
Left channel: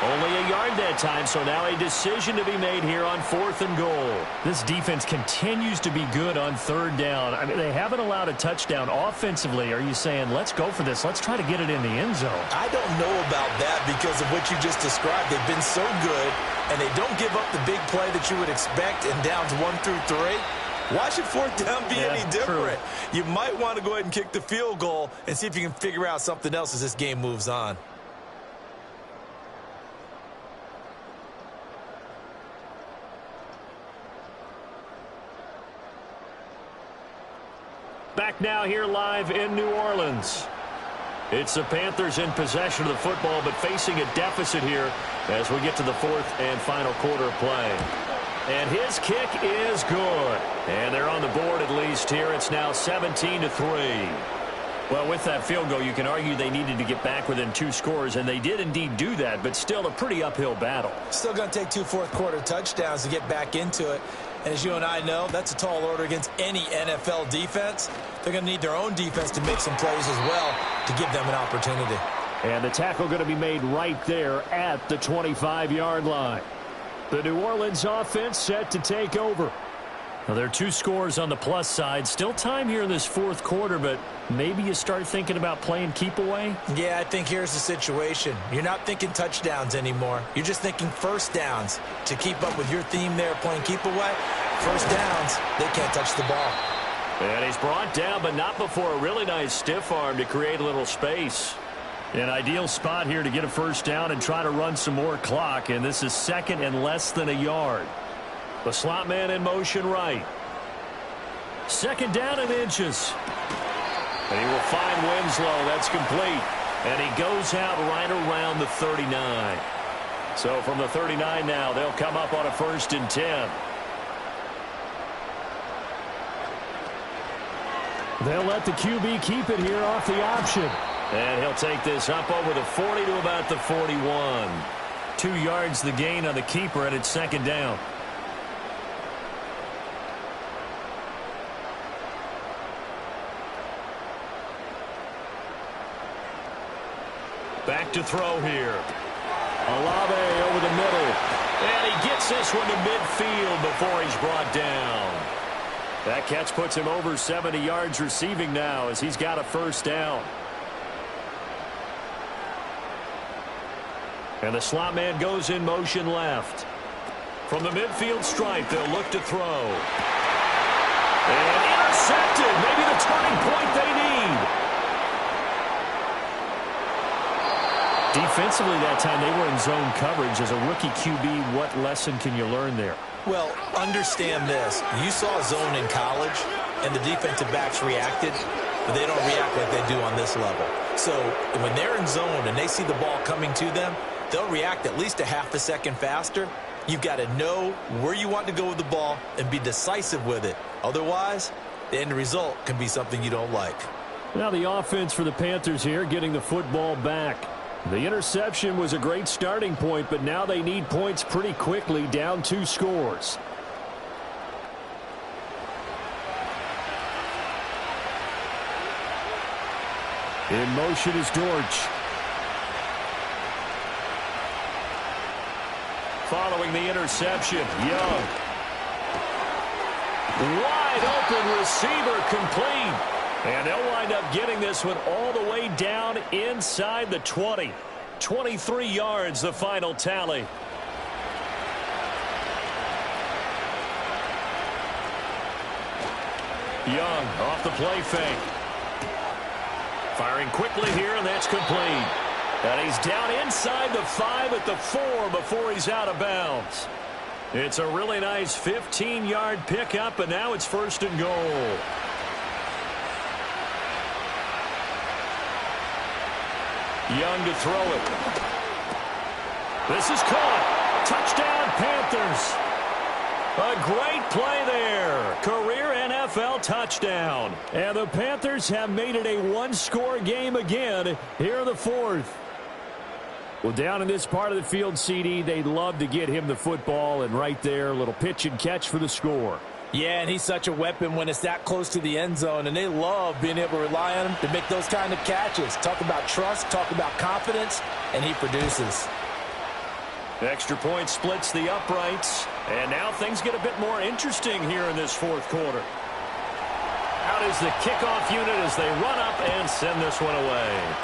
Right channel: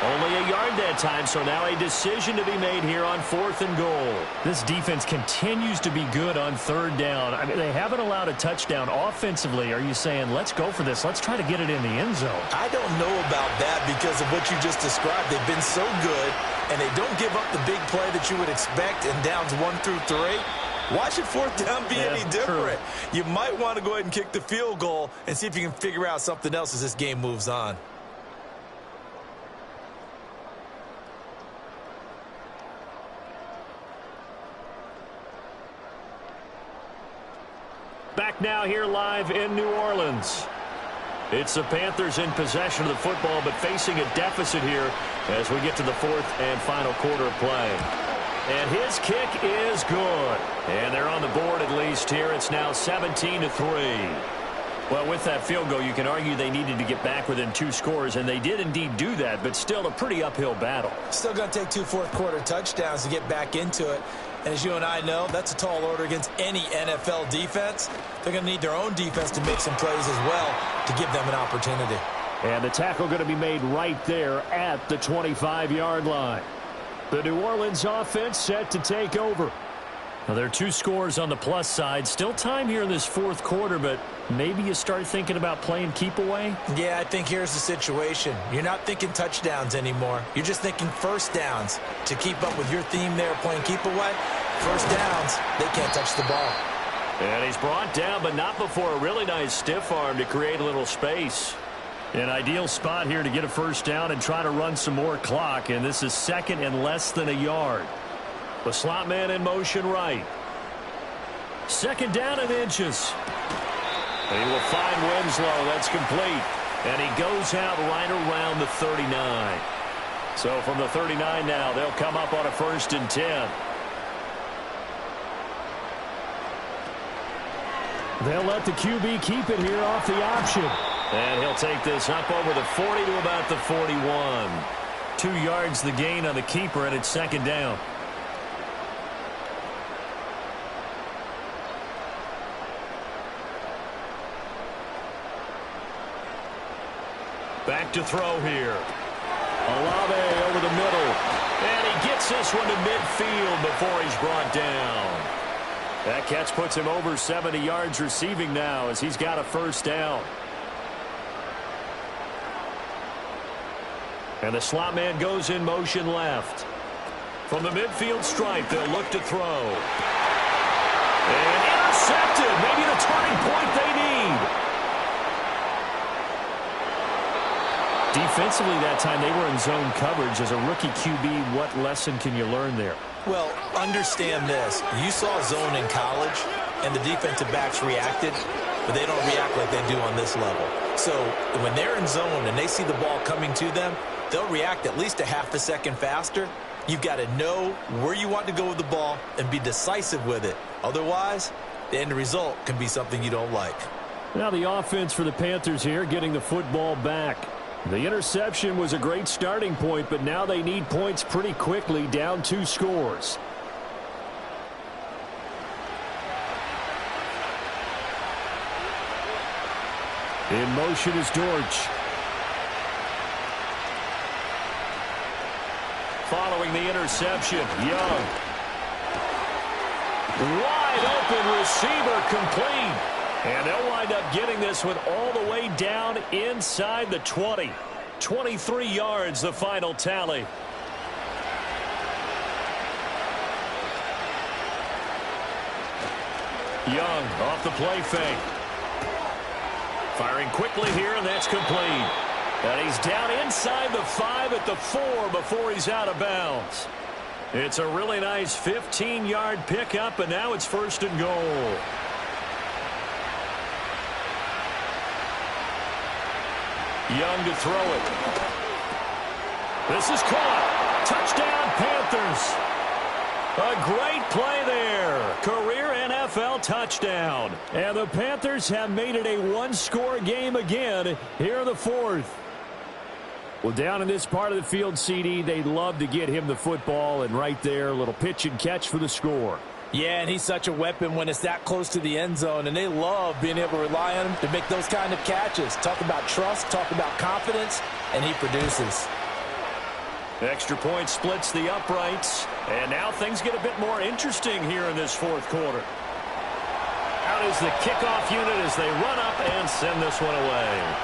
Only a yard that time, so now a decision to be made here on 4th and goal. This defense continues to be good on 3rd down. I mean, they haven't allowed a touchdown offensively. Are you saying, let's go for this? Let's try to get it in the end zone. I don't know about that because of what you just described. They've been so good, and they don't give up the big play that you would expect in downs 1 through 3. Why should 4th down be any different? True. You might want to go ahead and kick the field goal and see if you can figure out something else as this game moves on. Back now here live in New Orleans. It's the Panthers in possession of the football, but facing a deficit here as we get to the 4th and final quarter of play. And his kick is good. And they're on the board at least here. It's now 17-3. Well, with that field goal, you can argue they needed to get back within 2 scores, and they did indeed do that, but still a pretty uphill battle. Still going to take 2 fourth-quarter touchdowns to get back into it. And as you and I know, that's a tall order against any NFL defense. They're going to need their own defense to make some plays as well to give them an opportunity. And the tackle going to be made right there at the 25-yard line. The New Orleans offense set to take over. Now, there are 2 scores on the plus side. Still time here in this 4th quarter, but maybe you start thinking about playing keep away? Yeah, I think here's the situation. You're not thinking touchdowns anymore. You're just thinking first downs. To keep up with your theme there, playing keep away, first downs, they can't touch the ball. And he's brought down, but not before a really nice stiff arm to create a little space. An ideal spot here to get a first down and try to run some more clock, and this is 2nd and less than a yard. The slot man in motion right. 2nd down and inches. And he will find Winslow. That's complete. And he goes out right around the 39. So from the 39 now, they'll come up on a 1st and 10. They'll let the QB keep it here off the option. And he'll take this up over the 40 to about the 41. 2 yards the gain on the keeper, and it's 2nd down. Back to throw here. Olave over the middle. And he gets this one to midfield before he's brought down. That catch puts him over 70 yards receiving now as he's got a first down. And the slot man goes in motion left. From the midfield stripe, they'll look to throw. And intercepted. Maybe the turning point they need. Defensively that time, they were in zone coverage. As a rookie QB, what lesson can you learn there? Well, understand this. You saw zone in college, and the defensive backs reacted, but they don't react like they do on this level. So when they're in zone and they see the ball coming to them, they'll react at least a half a second faster. You've got to know where you want to go with the ball and be decisive with it. Otherwise, the end result can be something you don't like. Now the offense for the Panthers here, getting the football back. The interception was a great starting point, but now they need points pretty quickly, down 2 scores. In motion is Dortch. Following the interception, Young. Wide open receiver, complete. And they'll wind up getting this one all the way down inside the 20. 23 yards, the final tally. Young off the play fake. Firing quickly here, and that's complete. And he's down inside the 5 at the 4 before he's out of bounds. It's a really nice 15-yard pickup, and now it's 1st and goal. Young to throw it. This is caught. Touchdown, Panthers. A great play there. Career NFL touchdown. And the Panthers have made it a 1-score game again here in the 4th. Well, down in this part of the field, CD, they'd love to get him the football, and right there, a little pitch and catch for the score. Yeah, and he's such a weapon when it's that close to the end zone, and they love being able to rely on him to make those kind of catches. Talk about trust, talk about confidence, and he produces. Extra point splits the uprights, and now things get a bit more interesting here in this 4th quarter. Out is the kickoff unit as they run up and send this one away.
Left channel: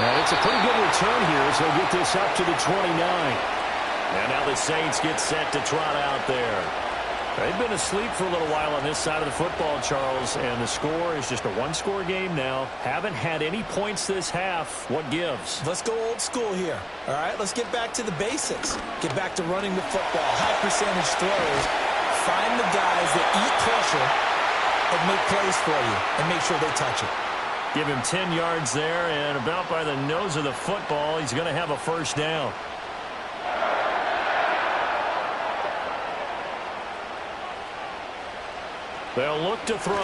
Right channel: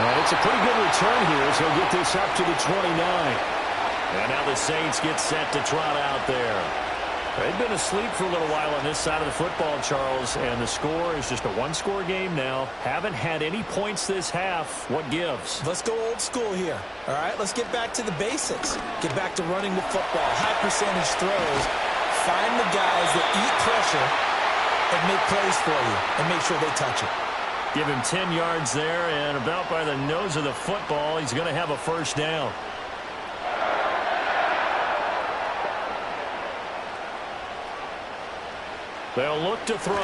And it's a pretty good return here as he'll get this up to the 29. And now the Saints get set to trot out there. They've been asleep for a little while on this side of the football, Charles, and the score is just a 1-score game now. Haven't had any points this half. What gives? Let's go old school here. All right, let's get back to the basics. Get back to running the football, high percentage throws. Find the guys that eat pressure and make plays for you and make sure they touch it. Give him 10 yards there, and about by the nose of the football, he's going to have a 1st down. They'll look to throw.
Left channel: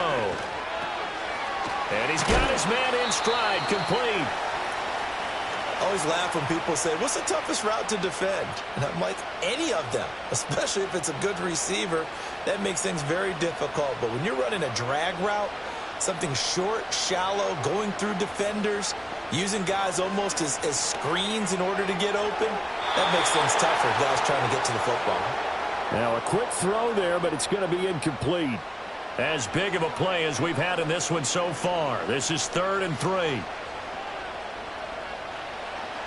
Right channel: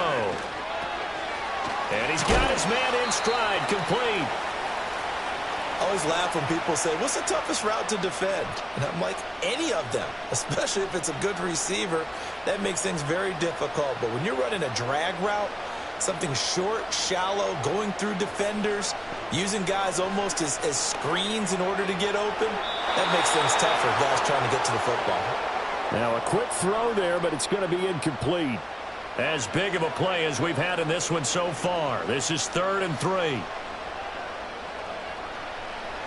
And he's got his man in stride, complete. I always laugh when people say, what's the toughest route to defend? And I'm like, any of them, especially if it's a good receiver. That makes things very difficult. But when you're running a drag route, something short, shallow, going through defenders, using guys almost as screens in order to get open, that makes things tougher, guys trying to get to the football. Now a quick throw there, but it's going to be incomplete. As big of a play as we've had in this one so far. This is 3rd and 3.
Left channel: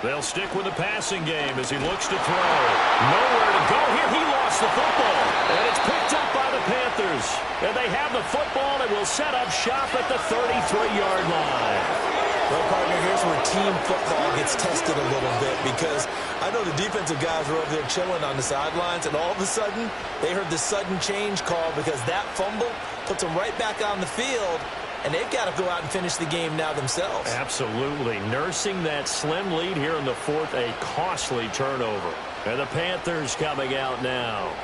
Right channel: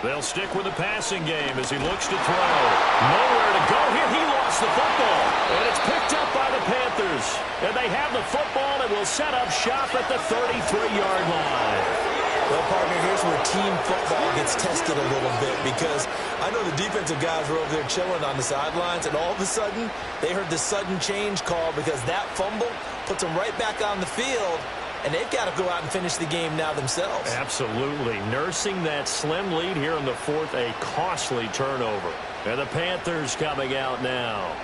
They'll stick with the passing game as he looks to throw. Nowhere to go here. He lost the football. And it's picked up by the Panthers. And they have the football and will set up shop at the 33-yard line. Well, partner, here's where team football gets tested a little bit, because I know the defensive guys were over there chilling on the sidelines, and all of a sudden they heard the sudden change call because that fumble puts them right back on the field, and they've got to go out and finish the game now themselves. Absolutely. Nursing that slim lead here in the 4th, a costly turnover. And the Panthers coming out now.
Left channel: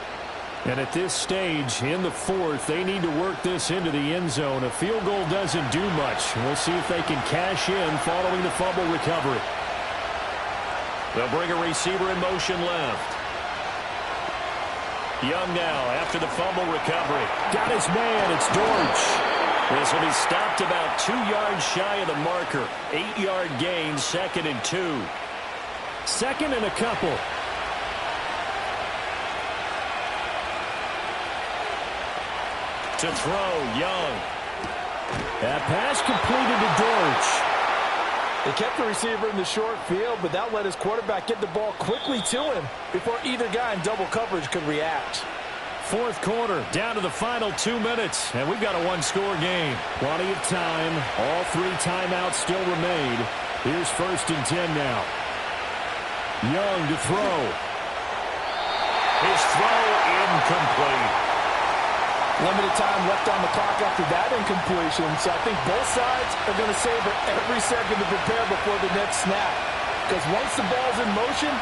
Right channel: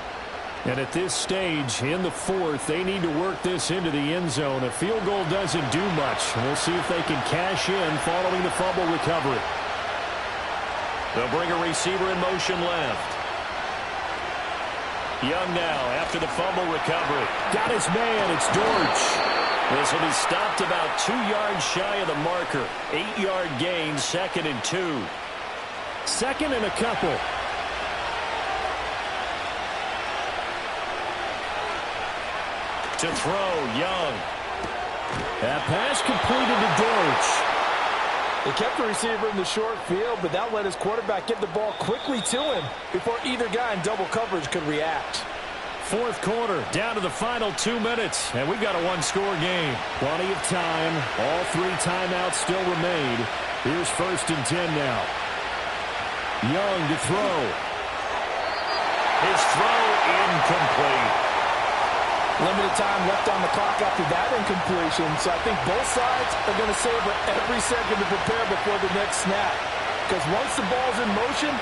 And at this stage, in the 4th, they need to work this into the end zone. A field goal doesn't do much. We'll see if they can cash in following the fumble recovery. They'll bring a receiver in motion left. Young now after the fumble recovery. Got his man. It's Dortch. This will be stopped about 2 yards shy of the marker. 8-yard gain, 2nd and 2. 2nd and a couple. To throw, Young. That pass completed to Dortch. They kept the receiver in the short field, but that let his quarterback get the ball quickly to him before either guy in double coverage could react. Fourth quarter, down to the final 2 minutes, and we've got a one-score game. Plenty of time. All 3 timeouts still remain. Here's 1st and 10 now. Young to throw. His throw incomplete. Limited time left on the clock after that incompletion, so I think both sides are going to savor every second to prepare before the next snap. Because once the ball's in motion,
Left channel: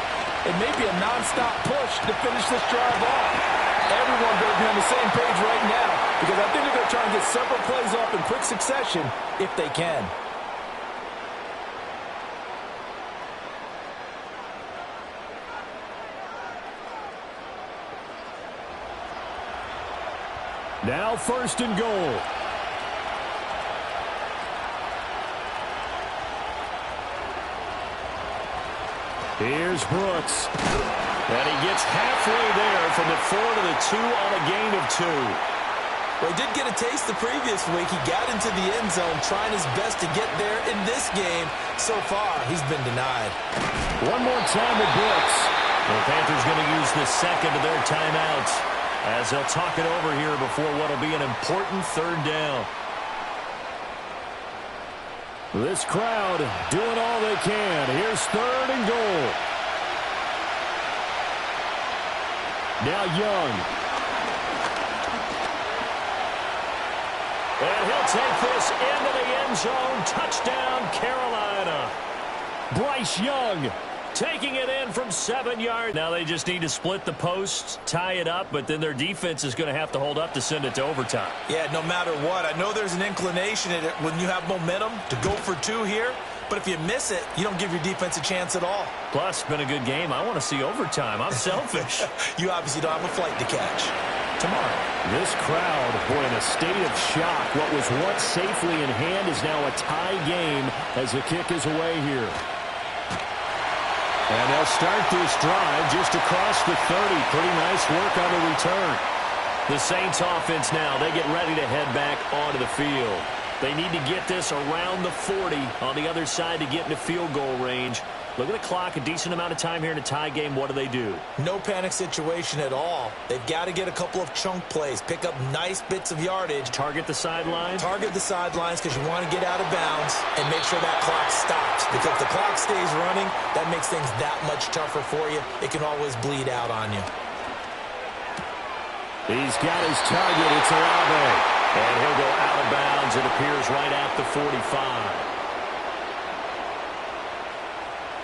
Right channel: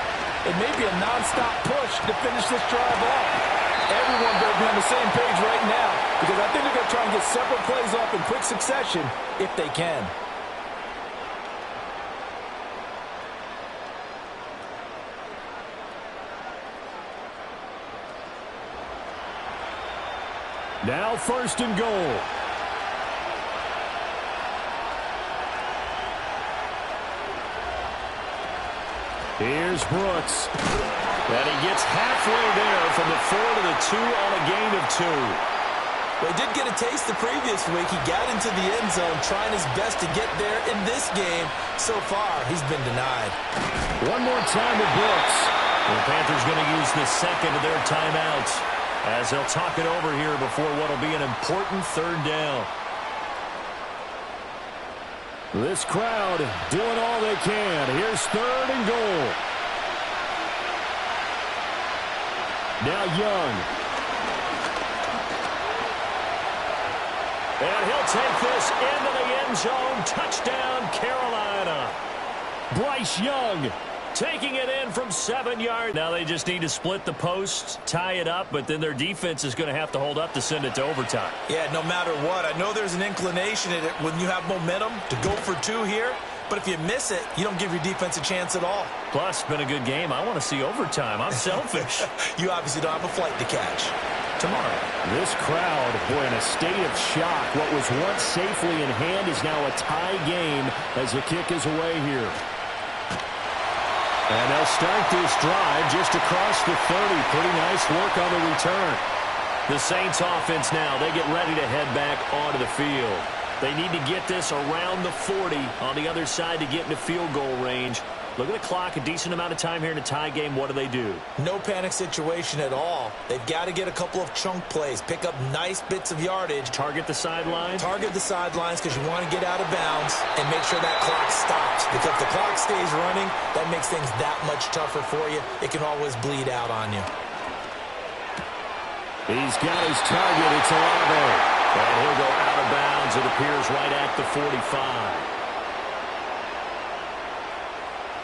it may be a nonstop push to finish this drive off. Everyone better be on the same page right now because I think they're going to try and get several plays off in quick succession if they can. Now 1st and goal. Here's Brooks. And he gets halfway there from the 4 to the 2 on a gain of 2. Well, he did get a taste the previous week. He got into the end zone trying his best to get there in this game. So far, he's been denied. One more time with Brooks. The Panthers going to use the second of their timeouts as they'll talk it over here before what will be an important 3rd down. This crowd doing all they can. Here's 3rd and goal. Now Young. And he'll take this into the end zone. Touchdown, Carolina. Bryce Young taking it in from 7 yards. Now they just need to split the posts, tie it up, but then their defense is going to have to hold up to send it to overtime. Yeah, no matter what. I know there's an inclination in it when you have momentum to go for 2 here, but if you miss it, you don't give your defense a chance at all. Plus, it's been a good game. I want to see overtime. I'm selfish. You obviously don't have a flight to catch. Tomorrow. This crowd, boy, in a state of shock. What was once safely in hand is now a tie game as the kick is away here. And they'll start this drive just across the 30. Pretty nice work on the return. The Saints offense now, they get ready to head back onto the field. They need to get this around the 40 on the other side to get into field goal range. Look at the clock, a decent amount of time here in a tie game. What do? No panic situation at all. They've got to get a couple of chunk plays, pick up nice bits of yardage. Target the sidelines? Target the sidelines because you want to get out of bounds and make sure that clock stops. Because if the clock stays running, that makes things that much tougher for you. It can always bleed out on you. He's got his target. It's Olave. And he'll go out of bounds. It appears right at the 45.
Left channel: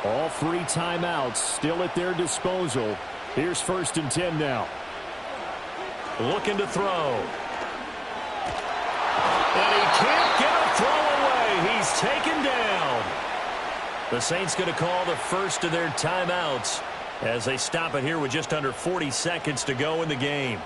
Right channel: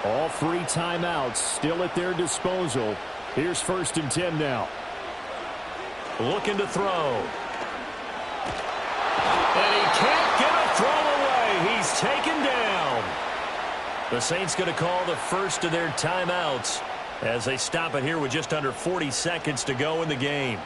All 3 timeouts still at their disposal. Here's 1st and 10 now. Looking to throw. And he can't get a throw away. He's taken down. The Saints going to call the first of their timeouts as they stop it here with just under 40 seconds to go in the game.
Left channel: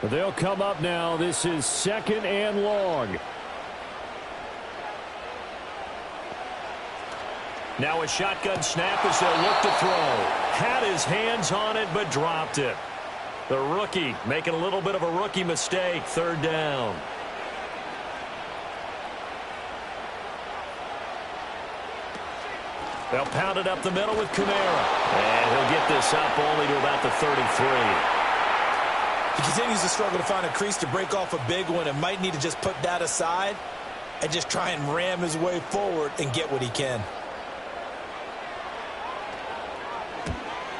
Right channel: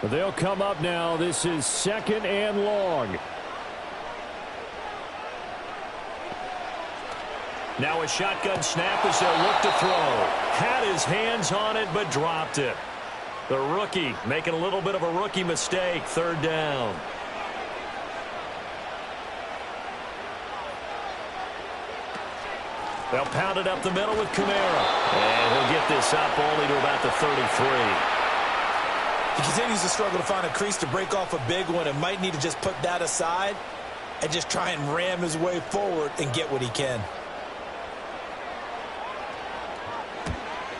They'll come up now. This is 2nd and long. Now a shotgun snap as they'll look to throw. Had his hands on it, but dropped it. The rookie making a little bit of a rookie mistake. 3rd down. They'll pound it up the middle with Kamara. And he'll get this up only to about the 33. He continues to struggle to find a crease to break off a big one and might need to just put that aside and just try and ram his way forward and get what he can.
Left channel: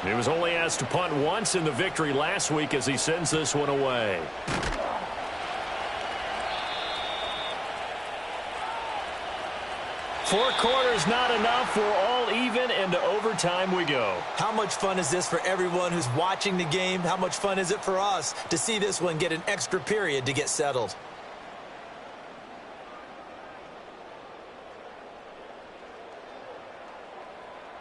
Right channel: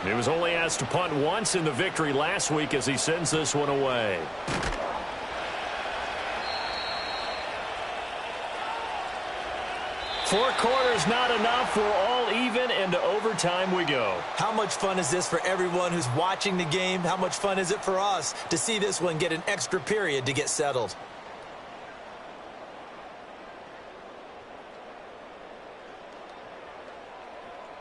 He was only asked to punt once in the victory last week as he sends this one away. Four quarters not enough. We're all even, and to overtime we go. How much fun is this for everyone who's watching the game? How much fun is it for us to see this one get an extra period to get settled?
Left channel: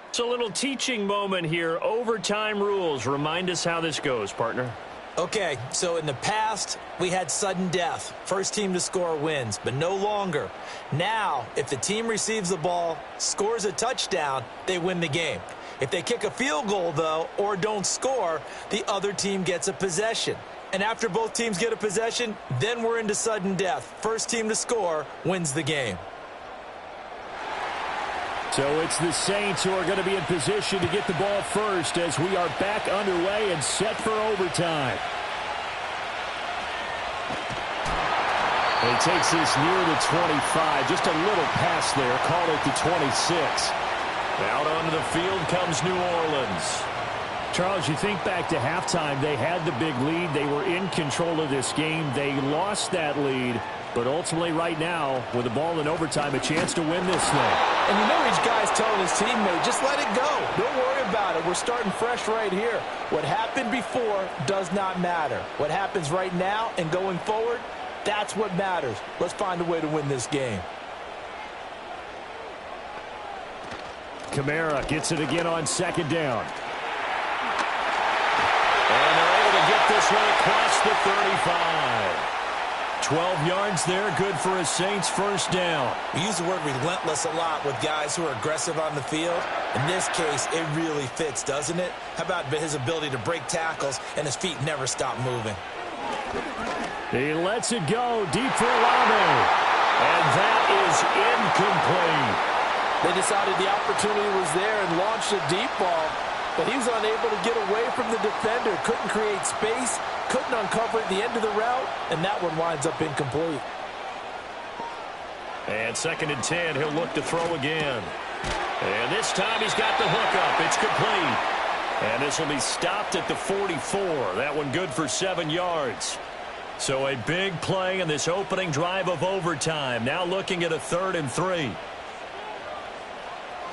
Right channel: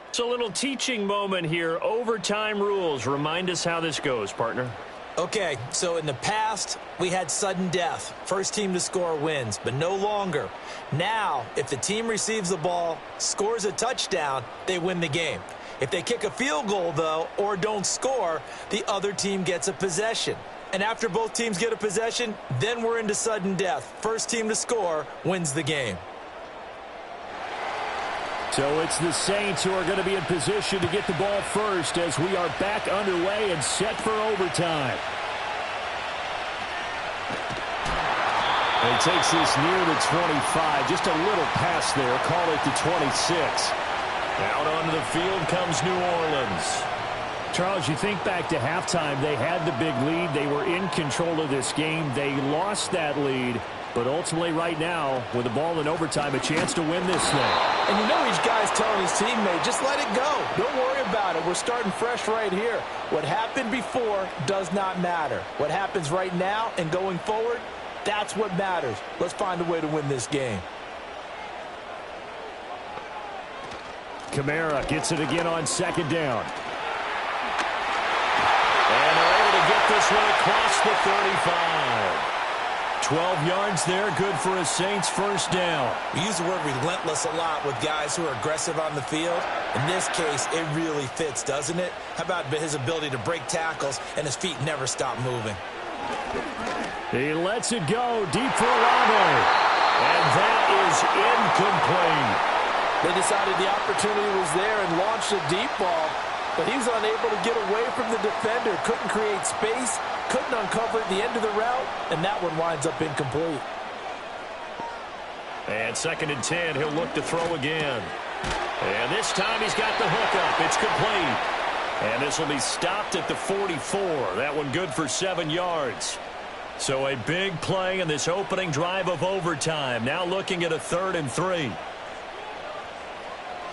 It's a little teaching moment here. Overtime rules. Remind us how this goes, partner. Okay, so in the past, we had sudden death. First team to score wins, but no longer. Now, if the team receives the ball, scores a touchdown, they win the game. If they kick a field goal, though, or don't score, the other team gets a possession. And after both teams get a possession, then we're into sudden death. First team to score wins the game. So it's the Saints who are going to be in position to get the ball first as we are back underway and set for overtime. And he takes this near the 25. Just a little pass there. Call it the 26. Out onto the field comes New Orleans. Charles, you think back to halftime, they had the big lead. They were in control of this game. They lost that lead. But ultimately right now, with the ball in overtime, a chance to win this thing. And you know each guy's telling his teammate, just let it go. Don't worry about it. We're starting fresh right here. What happened before does not matter. What happens right now and going forward, that's what matters. Let's find a way to win this game. Kamara gets it again on second down. And they're able to get this one across the 35. 12 yards there, good for a Saints first down. We use the word relentless a lot with guys who are aggressive on the field. In this case, it really fits, doesn't it? How about his ability to break tackles and his feet never stop moving? He lets it go deep for Olave. And that is incomplete. They decided the opportunity was there and launched a deep ball, but he was unable to get away from the defender. Couldn't create space, couldn't uncover at the end of the route, and that one winds up incomplete. And 2nd and 10, he'll look to throw again. And this time he's got the hook up. It's complete. And this will be stopped at the 44. That one good for 7 yards. So a big play in this opening drive of overtime. Now looking at a 3rd and 3.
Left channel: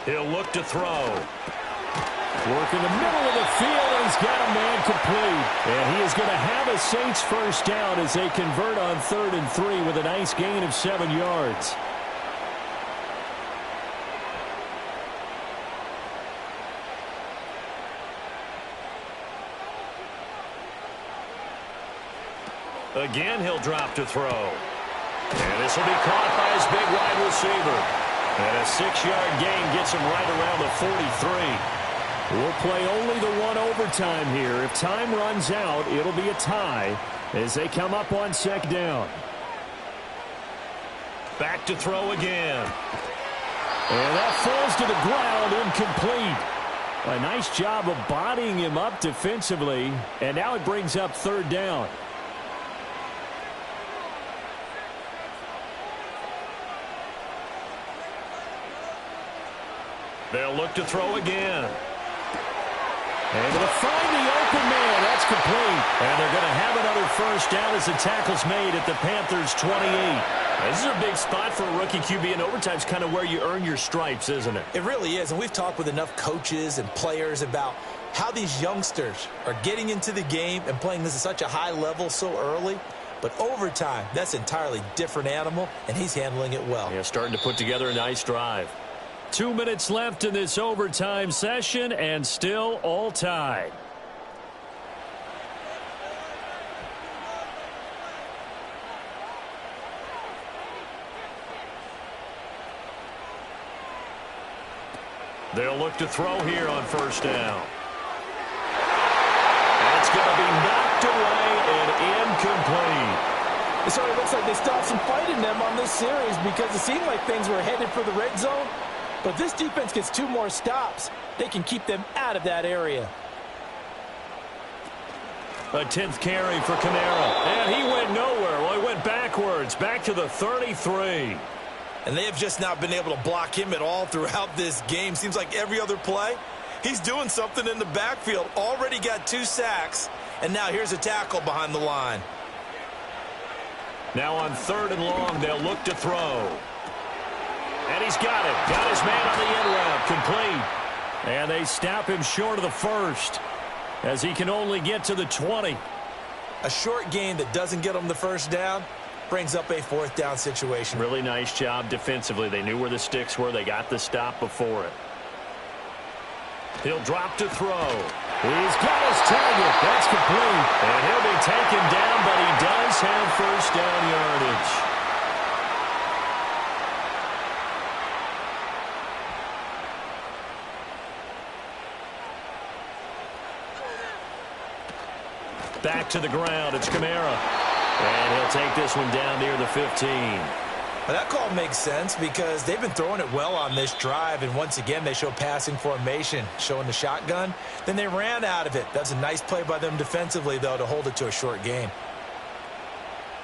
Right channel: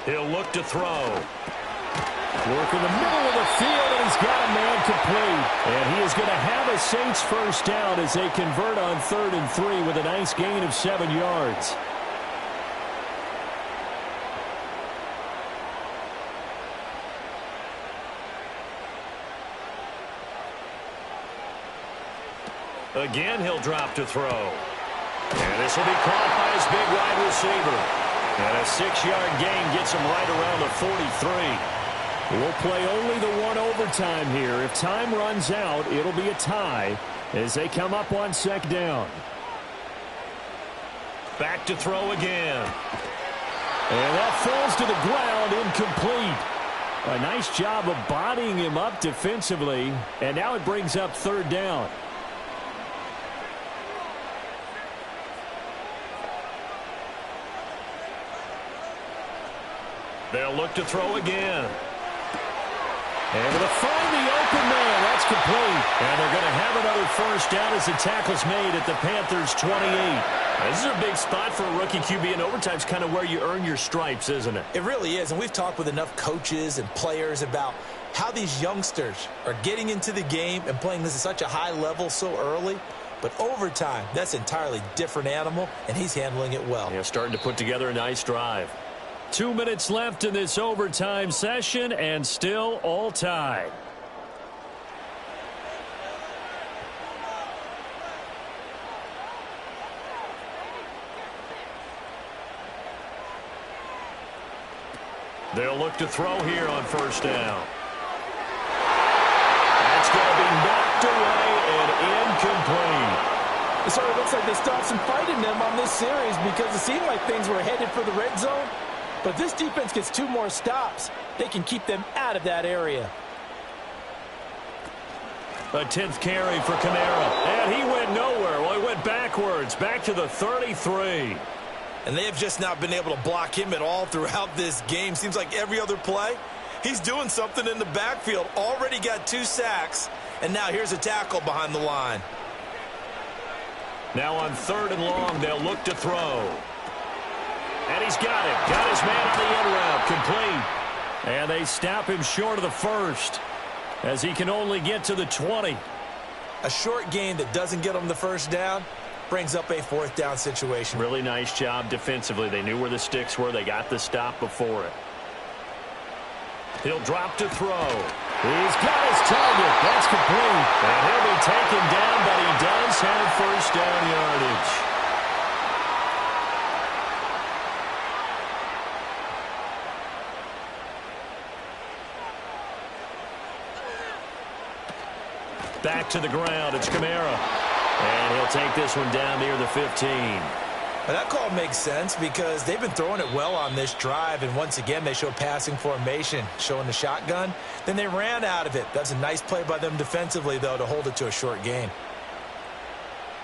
He'll look to throw. Work in the middle of the field, and he's got a man complete. And he is going to have a Saints first down as they convert on 3rd and 3 with a nice gain of 7 yards. Again, he'll drop to throw. And this will be caught by his big wide receiver. And a 6-yard gain gets him right around the 43. We'll play only the one overtime here. If time runs out, it'll be a tie as they come up on 2nd down. Back to throw again. And that falls to the ground, incomplete. A nice job of bodying him up defensively. And now it brings up 3rd down. They'll look to throw again. Able to find the open man. That's complete. And they're going to have another first down as the tackle's made at the Panthers' 28. This is a big spot for a rookie QB, and overtime's kind of where you earn your stripes, isn't it? It really is, and we've talked with enough coaches and players about how these youngsters are getting into the game and playing this at such a high level so early. But overtime, that's an entirely different animal, and he's handling it well. Yeah, starting to put together a nice drive. 2 minutes left in this overtime session, and still all tied. They'll look to throw here on first down. That's going to be knocked away and incomplete. It sort of looks like they stopped some fight in them on this series because it seemed like things were headed for the red zone. But this defense gets 2 more stops. They can keep them out of that area. A 10th carry for Kamara. And he went nowhere. Well, he went backwards, back to the 33. And they have just not been able to block him at all throughout this game. Seems like every other play, he's doing something in the backfield. Already got 2 sacks. And now here's a tackle behind the line. Now on 3rd and long, they'll look to throw. And he's got it. Got his man on the end route. Complete. And they stop him short of the first as he can only get to the 20. A short gain that doesn't get him the first down brings up a 4th down situation. Really nice job defensively. They knew where the sticks were. They got the stop before it. He'll drop to throw. He's got his target. That's complete. And he'll be taken down, but he does have first down yardage. back to the ground. It's Kamara. And he'll take this one down near the 15. But that call makes sense because they've been throwing it well on this drive, and once again they show passing formation, showing the shotgun. Then they ran out of it. That's a nice play by them defensively, though, to hold it to a short gain.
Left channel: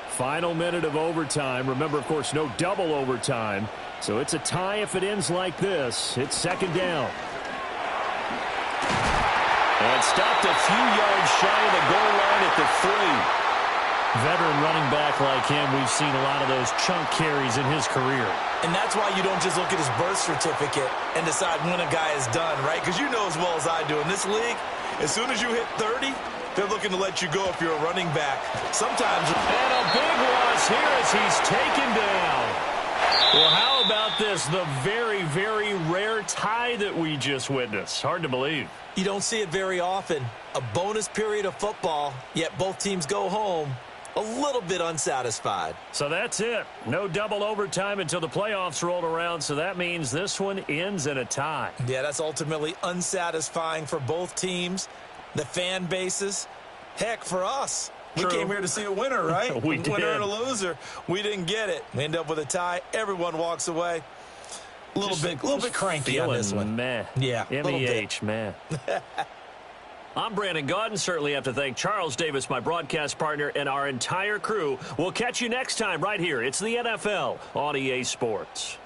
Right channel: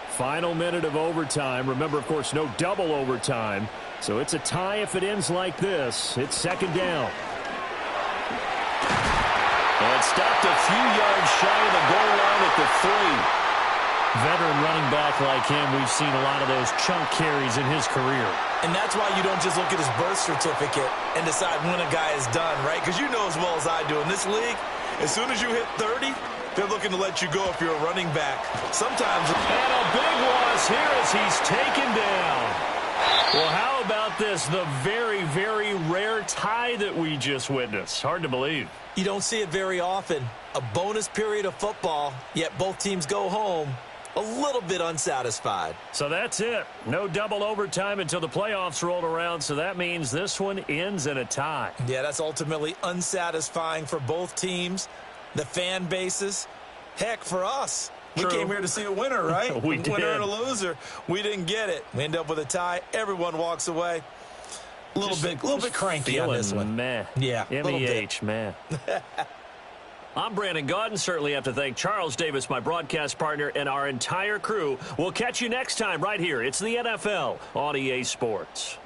Final minute of overtime. Remember, of course, no double overtime. So it's a tie if it ends like this. It's second down. And stopped a few yards shy of the goal line at the 3. Veteran running back like him, we've seen a lot of those chunk carries in his career. And that's why you don't just look at his birth certificate and decide when a guy is done, right? Because you know as well as I do, in this league, as soon as you hit 30, they're looking to let you go if you're a running back. Sometimes. And a big loss here as he's taken down. Well, how about this? The very, very rare tie that we just witnessed. Hard to believe. You don't see it very often. A bonus period of football, yet both teams go home a little bit unsatisfied. So that's it. No double overtime until the playoffs rolled around, so that means this one ends in a tie. Yeah, that's ultimately unsatisfying for both teams, the fan bases. Heck, for us. True. We came here to see a winner, right? We did. Winner and a loser. We didn't get it. We end up with a tie. Everyone walks away. A little bit cranky on this one. Meh. Yeah, M-E-H, man. I'm Brandon Gaudin. Certainly have to thank Charles Davis, my broadcast partner, and our entire crew. We'll catch you next time right here. It's the NFL on EA Sports.